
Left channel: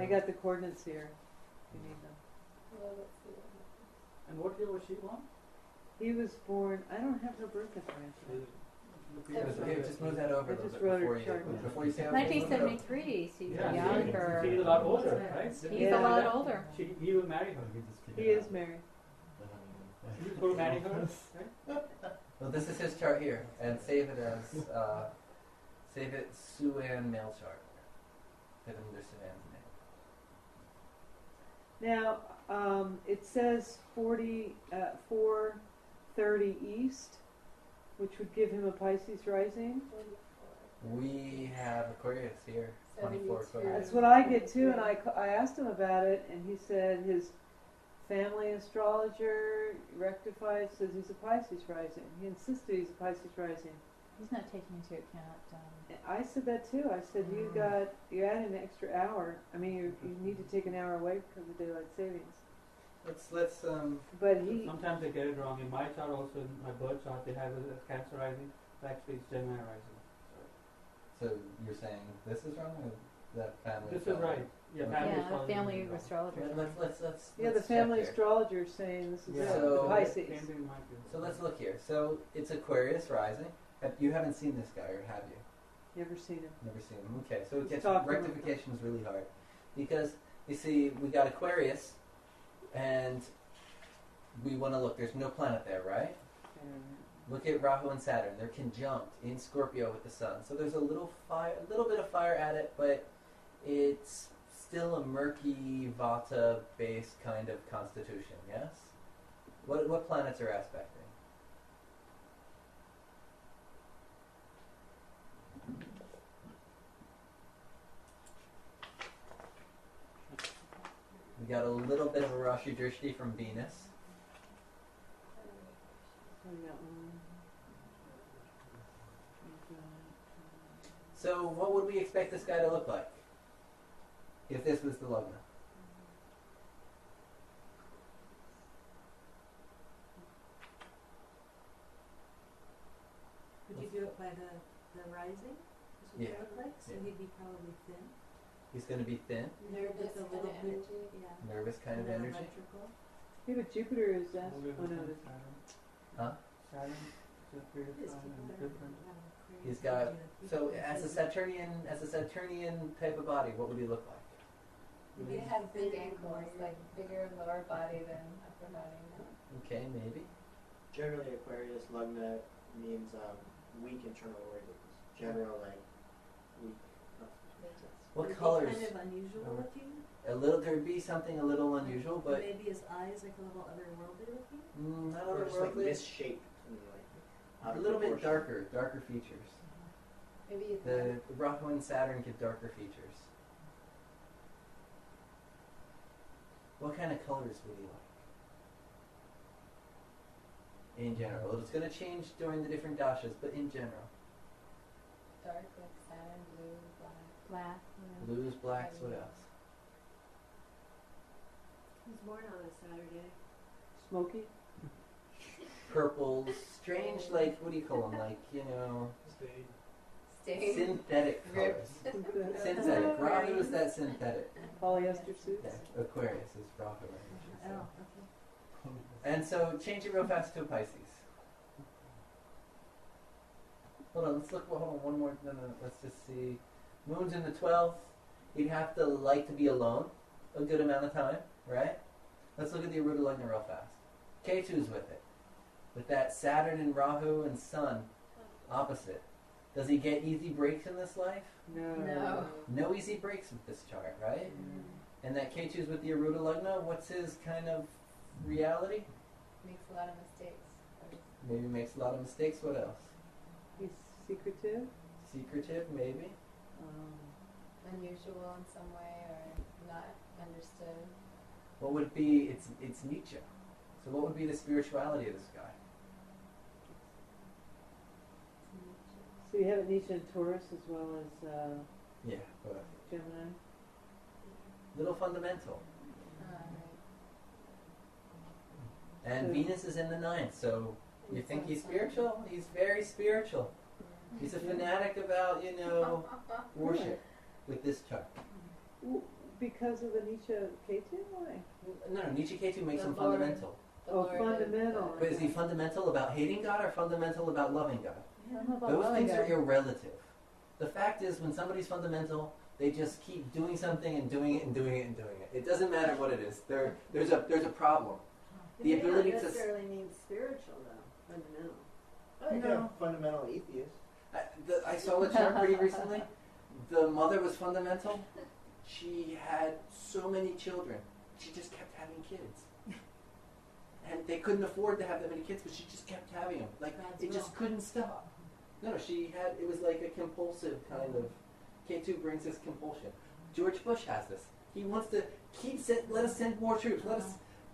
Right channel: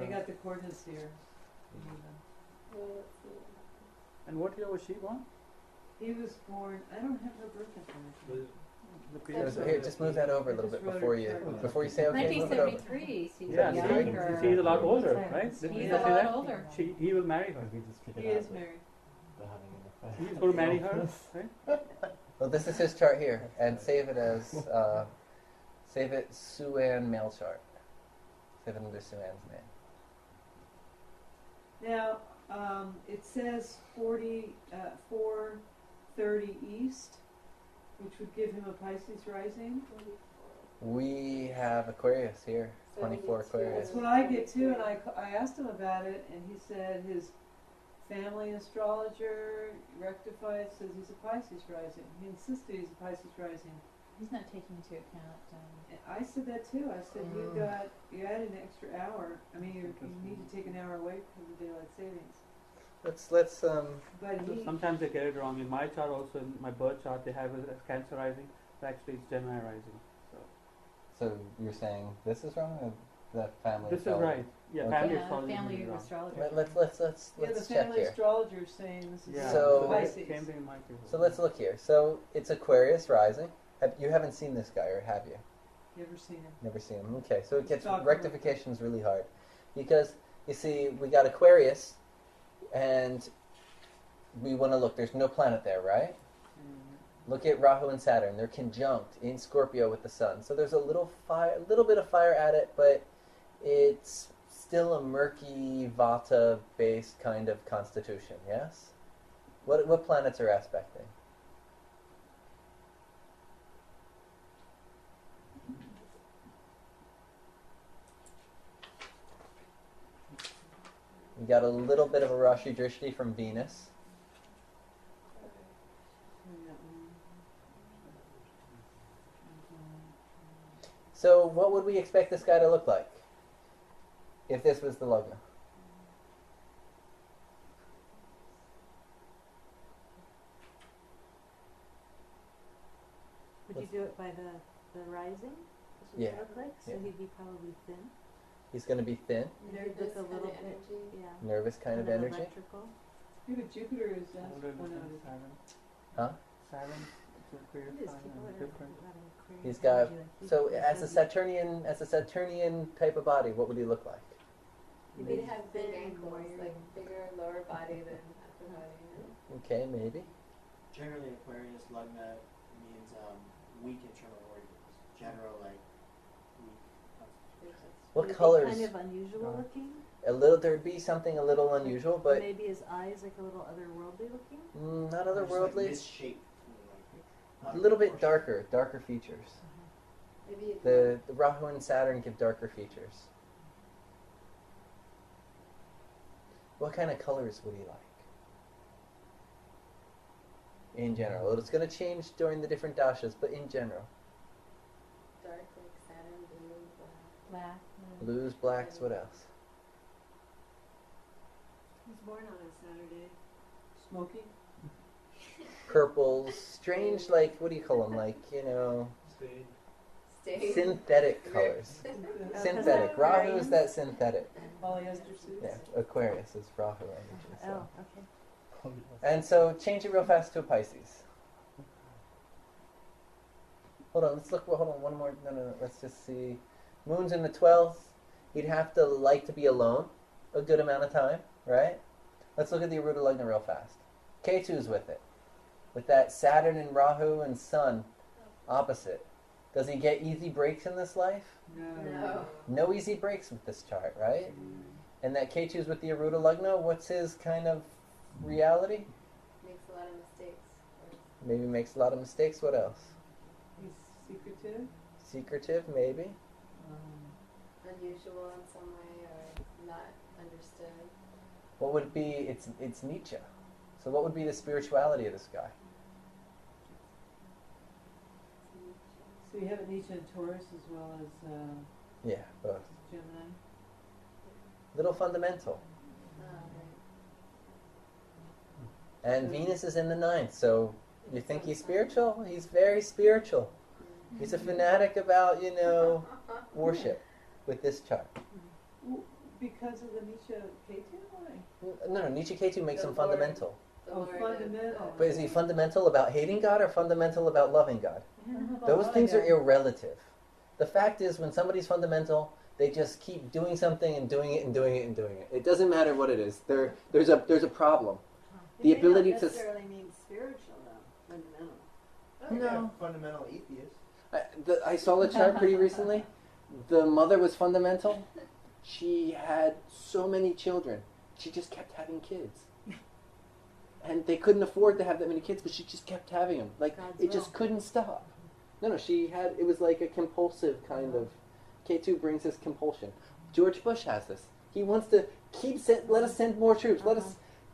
I got the coordinates here. You need them. Yeah, let's see what happens. And what year was she born? He was born, I don't have her birth information. Here, just move that over a I little just bit wrote her before you chart. say okay. 1973, so he's Yeah, younger. she's a lot older, right? He's a lot older. He will marry her. He is married. They're having an affair. He's going to marry her, right? Well, this is his chart here, and save it as save it Suan male chart. Save it under Suan's name. Now, it says 4:30 east, which would give him a Pisces rising. 44. We have Aquarius here, 24 Aquarius. That's what I get too, and I asked him about it, and he said his family astrologer rectified, says he's a Pisces rising. He insisted he's a Pisces rising. He's not taking into account. And I said that too. I said you added an extra hour. I mean, you need to take an hour away because of daylight savings. Let's But he, Sometimes they get it wrong. In my chart also, in my birth chart, they have it as Cancer rising, but actually it's Gemini rising. So you're saying this is wrong, or the family? This is astrologer? right. Yeah, Okay. family Yeah, astrology family is wrong. astrologer. Let's yeah, the check family here. astrologer is saying this is Yeah. So- Pisces. Same thing in my case. So let's look here. So it's Aquarius rising. You haven't seen this guy, or have you? Never seen him. Never seen him. Okay, so it Just gets talk about rectification's really hard, because you see we got Aquarius, and we want to look. There's no planet there, right? Look at Rahu and Saturn. They're conjunct in Scorpio with the Sun. So there's a little bit of fire at it, but it's still a murky Vata-based kind of constitution. Yes. What planets are aspecting? We got a little bit of a Rashi Drishti from Venus. So what would we expect this guy to look like if this was the Lagna? Would you do it by the rising? This would Yeah. look like? So Yeah. he'd be probably thin. He's going to be thin, Nervous With a kind little of bit, energy. yeah. nervous kind of and then energy. electrical. Yeah, but Jupiter is oh no, it isn't. Huh? It is people that are Aquarius He's got energy, like so he's as a busy. Saturnian type of body, what would he look like? Maybe to have big Thin, ankles, wiry. like bigger lower body than upper body. Okay, maybe. Generally, Aquarius lugna means weak internal organs. General, like, weak constitution. What Would it be colors? kind of unusual looking. A little. There'd be something a little unusual, but Maybe his eyes like a little otherworldly looking. not Or just, like, otherworldly. misshaped. And, A out of little bit proportion. darker features. Maybe The Rahu and Saturn give darker features. What kind of colors would he like? In general, it's going to change during the different dashas, but in general, dark, like Saturn, blue, black. Black. blues, blacks, what else? He's born on a Saturday. Smoky. Purples, strange, like what do you call them? Like Spade. State. synthetic colors. Ripped. Synthetic. Rahu is that synthetic. Polyester suits. Yeah, Aquarius is Rahu energy. So. Oh, okay. And so change it real fast to a Pisces. Hold on, let's look. Hold on, one more. No. Let's just see. Moon's in the 12th. He'd have to like to be alone a good amount of time, right? Let's look at the Aruda Lagna real fast. K2's with it. With that Saturn and Rahu and Sun opposite. Does he get easy breaks in this life? No. No easy breaks with this chart, right? And that Ketu's with the Aruda Lagna, what's his kind of reality? Makes a lot of mistakes. Maybe makes a lot of mistakes. What else? He's secretive. Secretive, maybe. Unusual in some way or not understood. What would it be? It's Nietzsche. So what would be the spirituality of this guy? So you have it Nietzsche and Taurus as well as Yeah, both. Gemini. Little fundamental. Right. And So- Venus is in the ninth, so you think he's spiritual? He's very spiritual. He's a fanatic about, worship with this chart. Because of the Nietzsche Ketu? Why? No, Nietzsche Ketu makes The him Lord. fundamental. The Oh, Lord fundamental. But is he fundamental about hating God or fundamental about loving God? I don't know about Those loving things are God. irrelative. The fact is, when somebody's fundamental, they just keep doing something and doing it and doing it and doing it. It doesn't matter what it is. There's a problem. It The may ability not to necessarily mean spiritual though, fundamental. I think I'm No. a fundamental atheist. I saw a chart pretty recently. The mother was fundamental. She had so many children. She just kept having kids. And they couldn't afford to have that many kids, but she just kept having them. Like, God's it just will. couldn't stop. No, it was like a compulsive kind of, K2 brings this compulsion. George Bush has this. He wants to let us send more troops.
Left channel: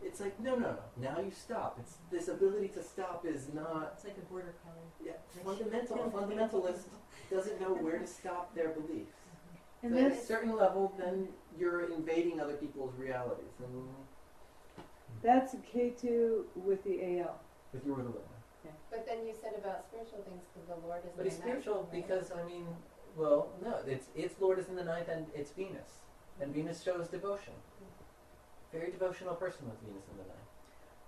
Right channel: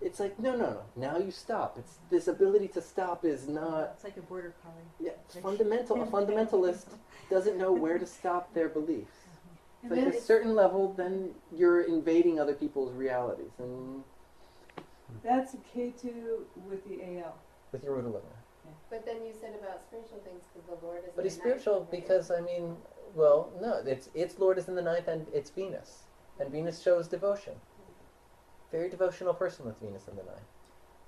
It's like, no. Now you stop. It's this ability to stop is not, It's like a border collie. a fundamentalist doesn't know where to stop their beliefs. And Like at a that's, certain level, then you're invading other people's realities. And that's a Ketu with the AL. with your Rudalana. But then you said about spiritual things because the Lord is. But in he's the ninth. spiritual because, no, its Lord is in the ninth and it's Venus. And Venus shows devotion. Very devotional person with Venus in the ninth.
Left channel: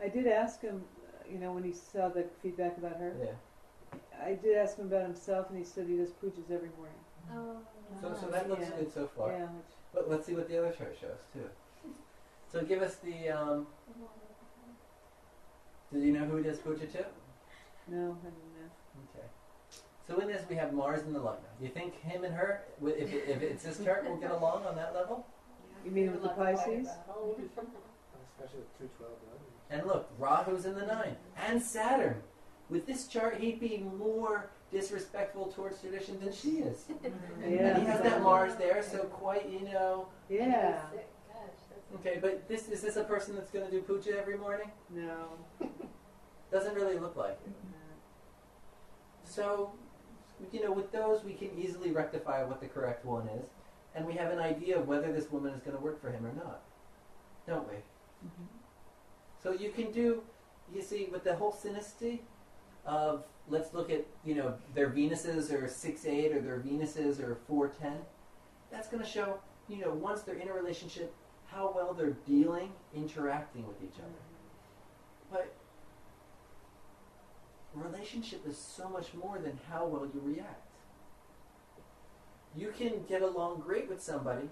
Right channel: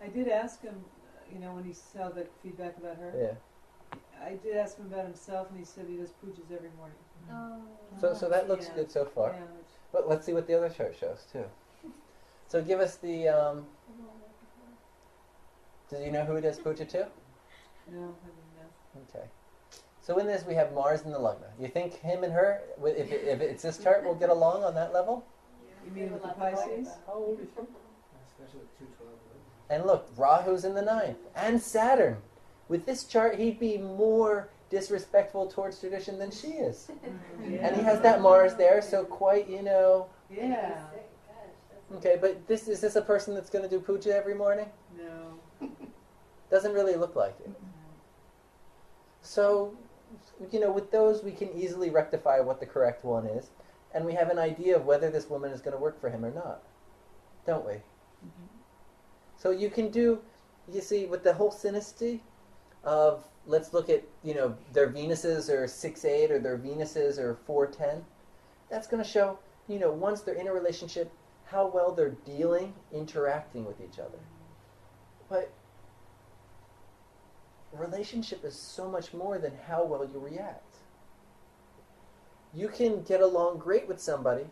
I did ask him, when he saw the feedback about her, Yeah. I did ask him about himself, and he said he does pujas every morning. Oh. So that looks Yeah. good so far. Yeah, But let's see what the other chart shows too. So give us the. Do you know who does puja too? no, I didn't know. Okay. So in this we have Mars in the Lagna. You think him and her, if it's this chart, will get along on that level? You mean with the Pisces? Especially with 212. And look, Rahu's in the ninth. And Saturn. With this chart, he'd be more disrespectful towards tradition than she is. Yeah. And he has that Mars there, so quite, Yeah. Gosh, that's Okay, but is this a person that's going to do puja every morning? No. Doesn't really look like it. So, with those, we can easily rectify what the correct one is. And we have an idea of whether this woman is going to work for him or not. Don't we? So you can do, with the whole synasty of, let's look at, their Venuses are 6-8 or their Venuses are 4-10. That's going to show, once they're in a relationship, how well they're interacting with each other. But relationship is so much more than how well you react. You can get along great with somebody,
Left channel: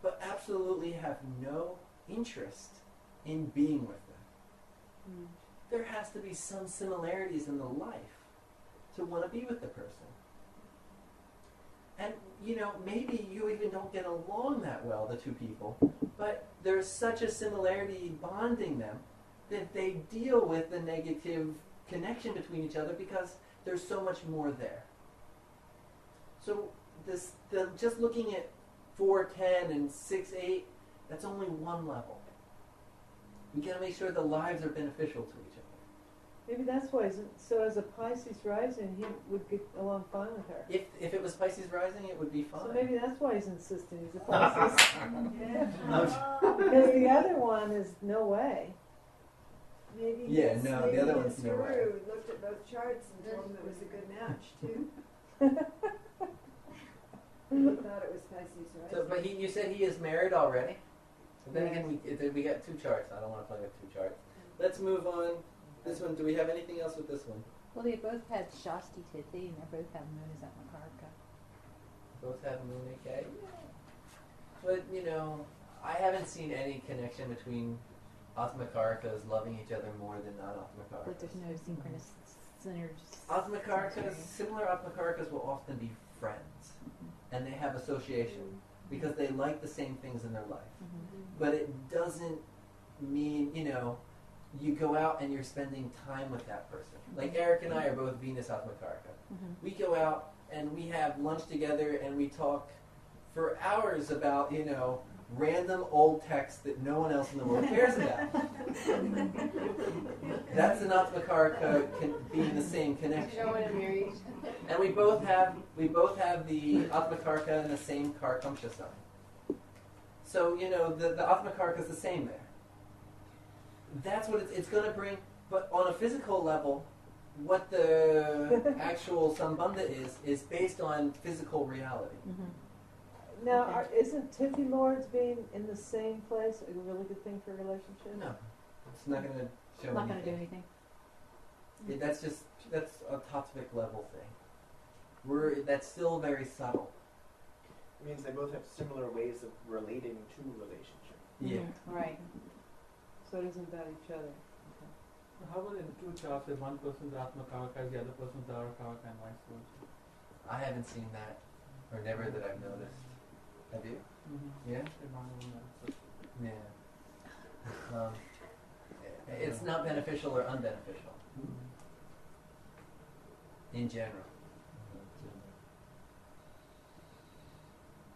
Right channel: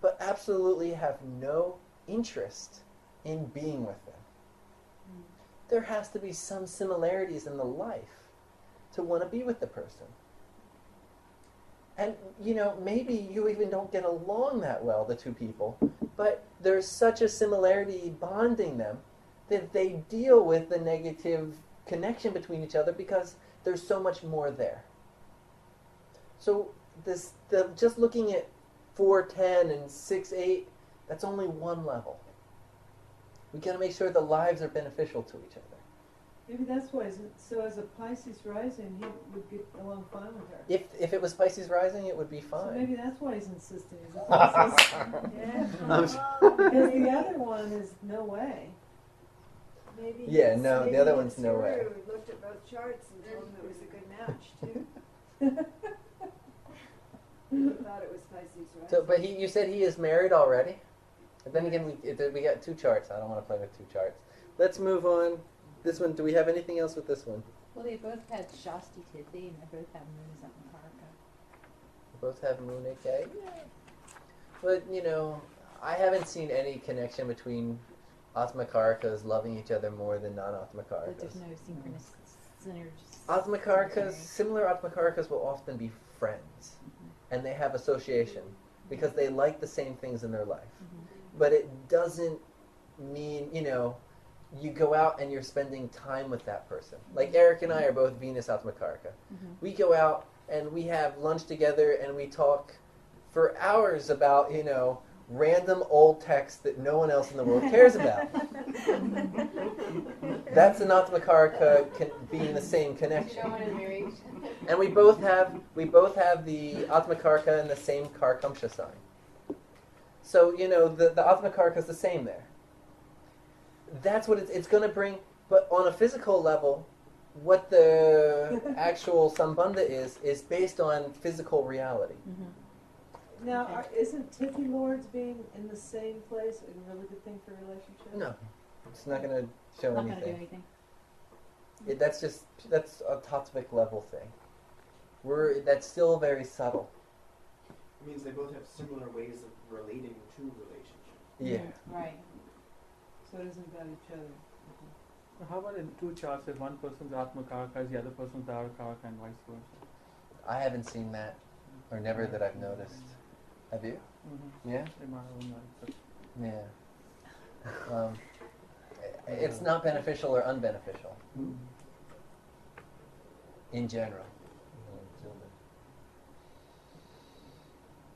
but absolutely have no interest in being with them. There has to be some similarities in the life to want to be with the person. And, maybe you even don't get along that well, the two people, but there's such a similarity bonding them that they deal with the negative connection between each other because there's so much more there. So just looking at 4-10 and 6-8, that's only one level. We got to make sure the lives are beneficial to each other. Maybe that's why. So as a Pisces rising, he would get along fine with her. If it was Pisces rising, it would be fine. So maybe that's why he's insisting he's a Pisces. Yeah. Because the other one is no way. Maybe Yeah, his- no, the maybe other his one's no way. guru looked at both charts and told him it was a good match too. He thought it was Pisces rising. So, but you said he is married already. But then again, we got two charts. I don't want to play with two charts. Let's move on. This one. Do we have anything else with this one? Well, they both had Shastri Tithi, and they both have moon is at Makaraka. Both have moon AK. But I haven't seen any connection between Atmakarakas loving each other more than non-Atmakarakas. But there's no synergies. Atmakarakas, similar Atmakarakas will often be friends, and they have association because they like the same things in their life. But it doesn't mean, you go out and you're spending time with that person. Like Eric and I are both Venus Atmakaraka. We go out and we have lunch together and we talk for hours about, random old text that no one else in the world cares about. That's an Atmakaraka being in the same connection. And we both have the Atmakaraka in the same Karkamsha sign. So, the Atmakaraka is the same there. That's what it's going to bring. But on a physical level, what the actual Sambandha is based on physical reality. Now, isn't Tithi Lords being in the same place a really good thing for relationships? No, it's not going to show Not anything. going to do anything. That's a tattvic level thing. That's still very subtle. It means they both have similar ways of relating to relationship. Yeah. Right. So it isn't about each other. So how about in two charts if one person's Atmakaraka is the other person's Darakaraka and vice versa? I haven't seen that, or never that I've noticed. Have you? Yeah? Yeah. It's not beneficial or unbeneficial in general.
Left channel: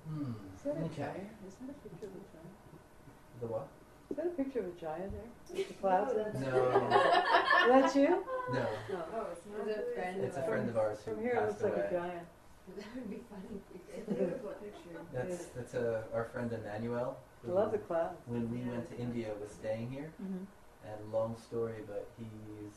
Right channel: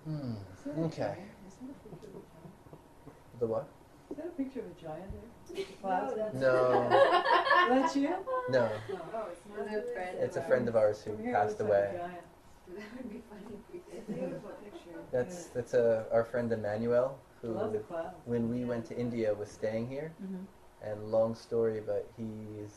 Is that a Okay. Jaya? Is that a picture of a Jaya? The what? Is that a picture of a Jaya there? With the clouds in it? No. That's you? No. Oh, it's not. Is it a friend? It's a friend of ours who From here it passed looks like a away. Jaya. That would be funny if we It's a did. beautiful picture. That's our friend Emmanuel, I who love the clouds. when we went to India was staying here. And long story, but he's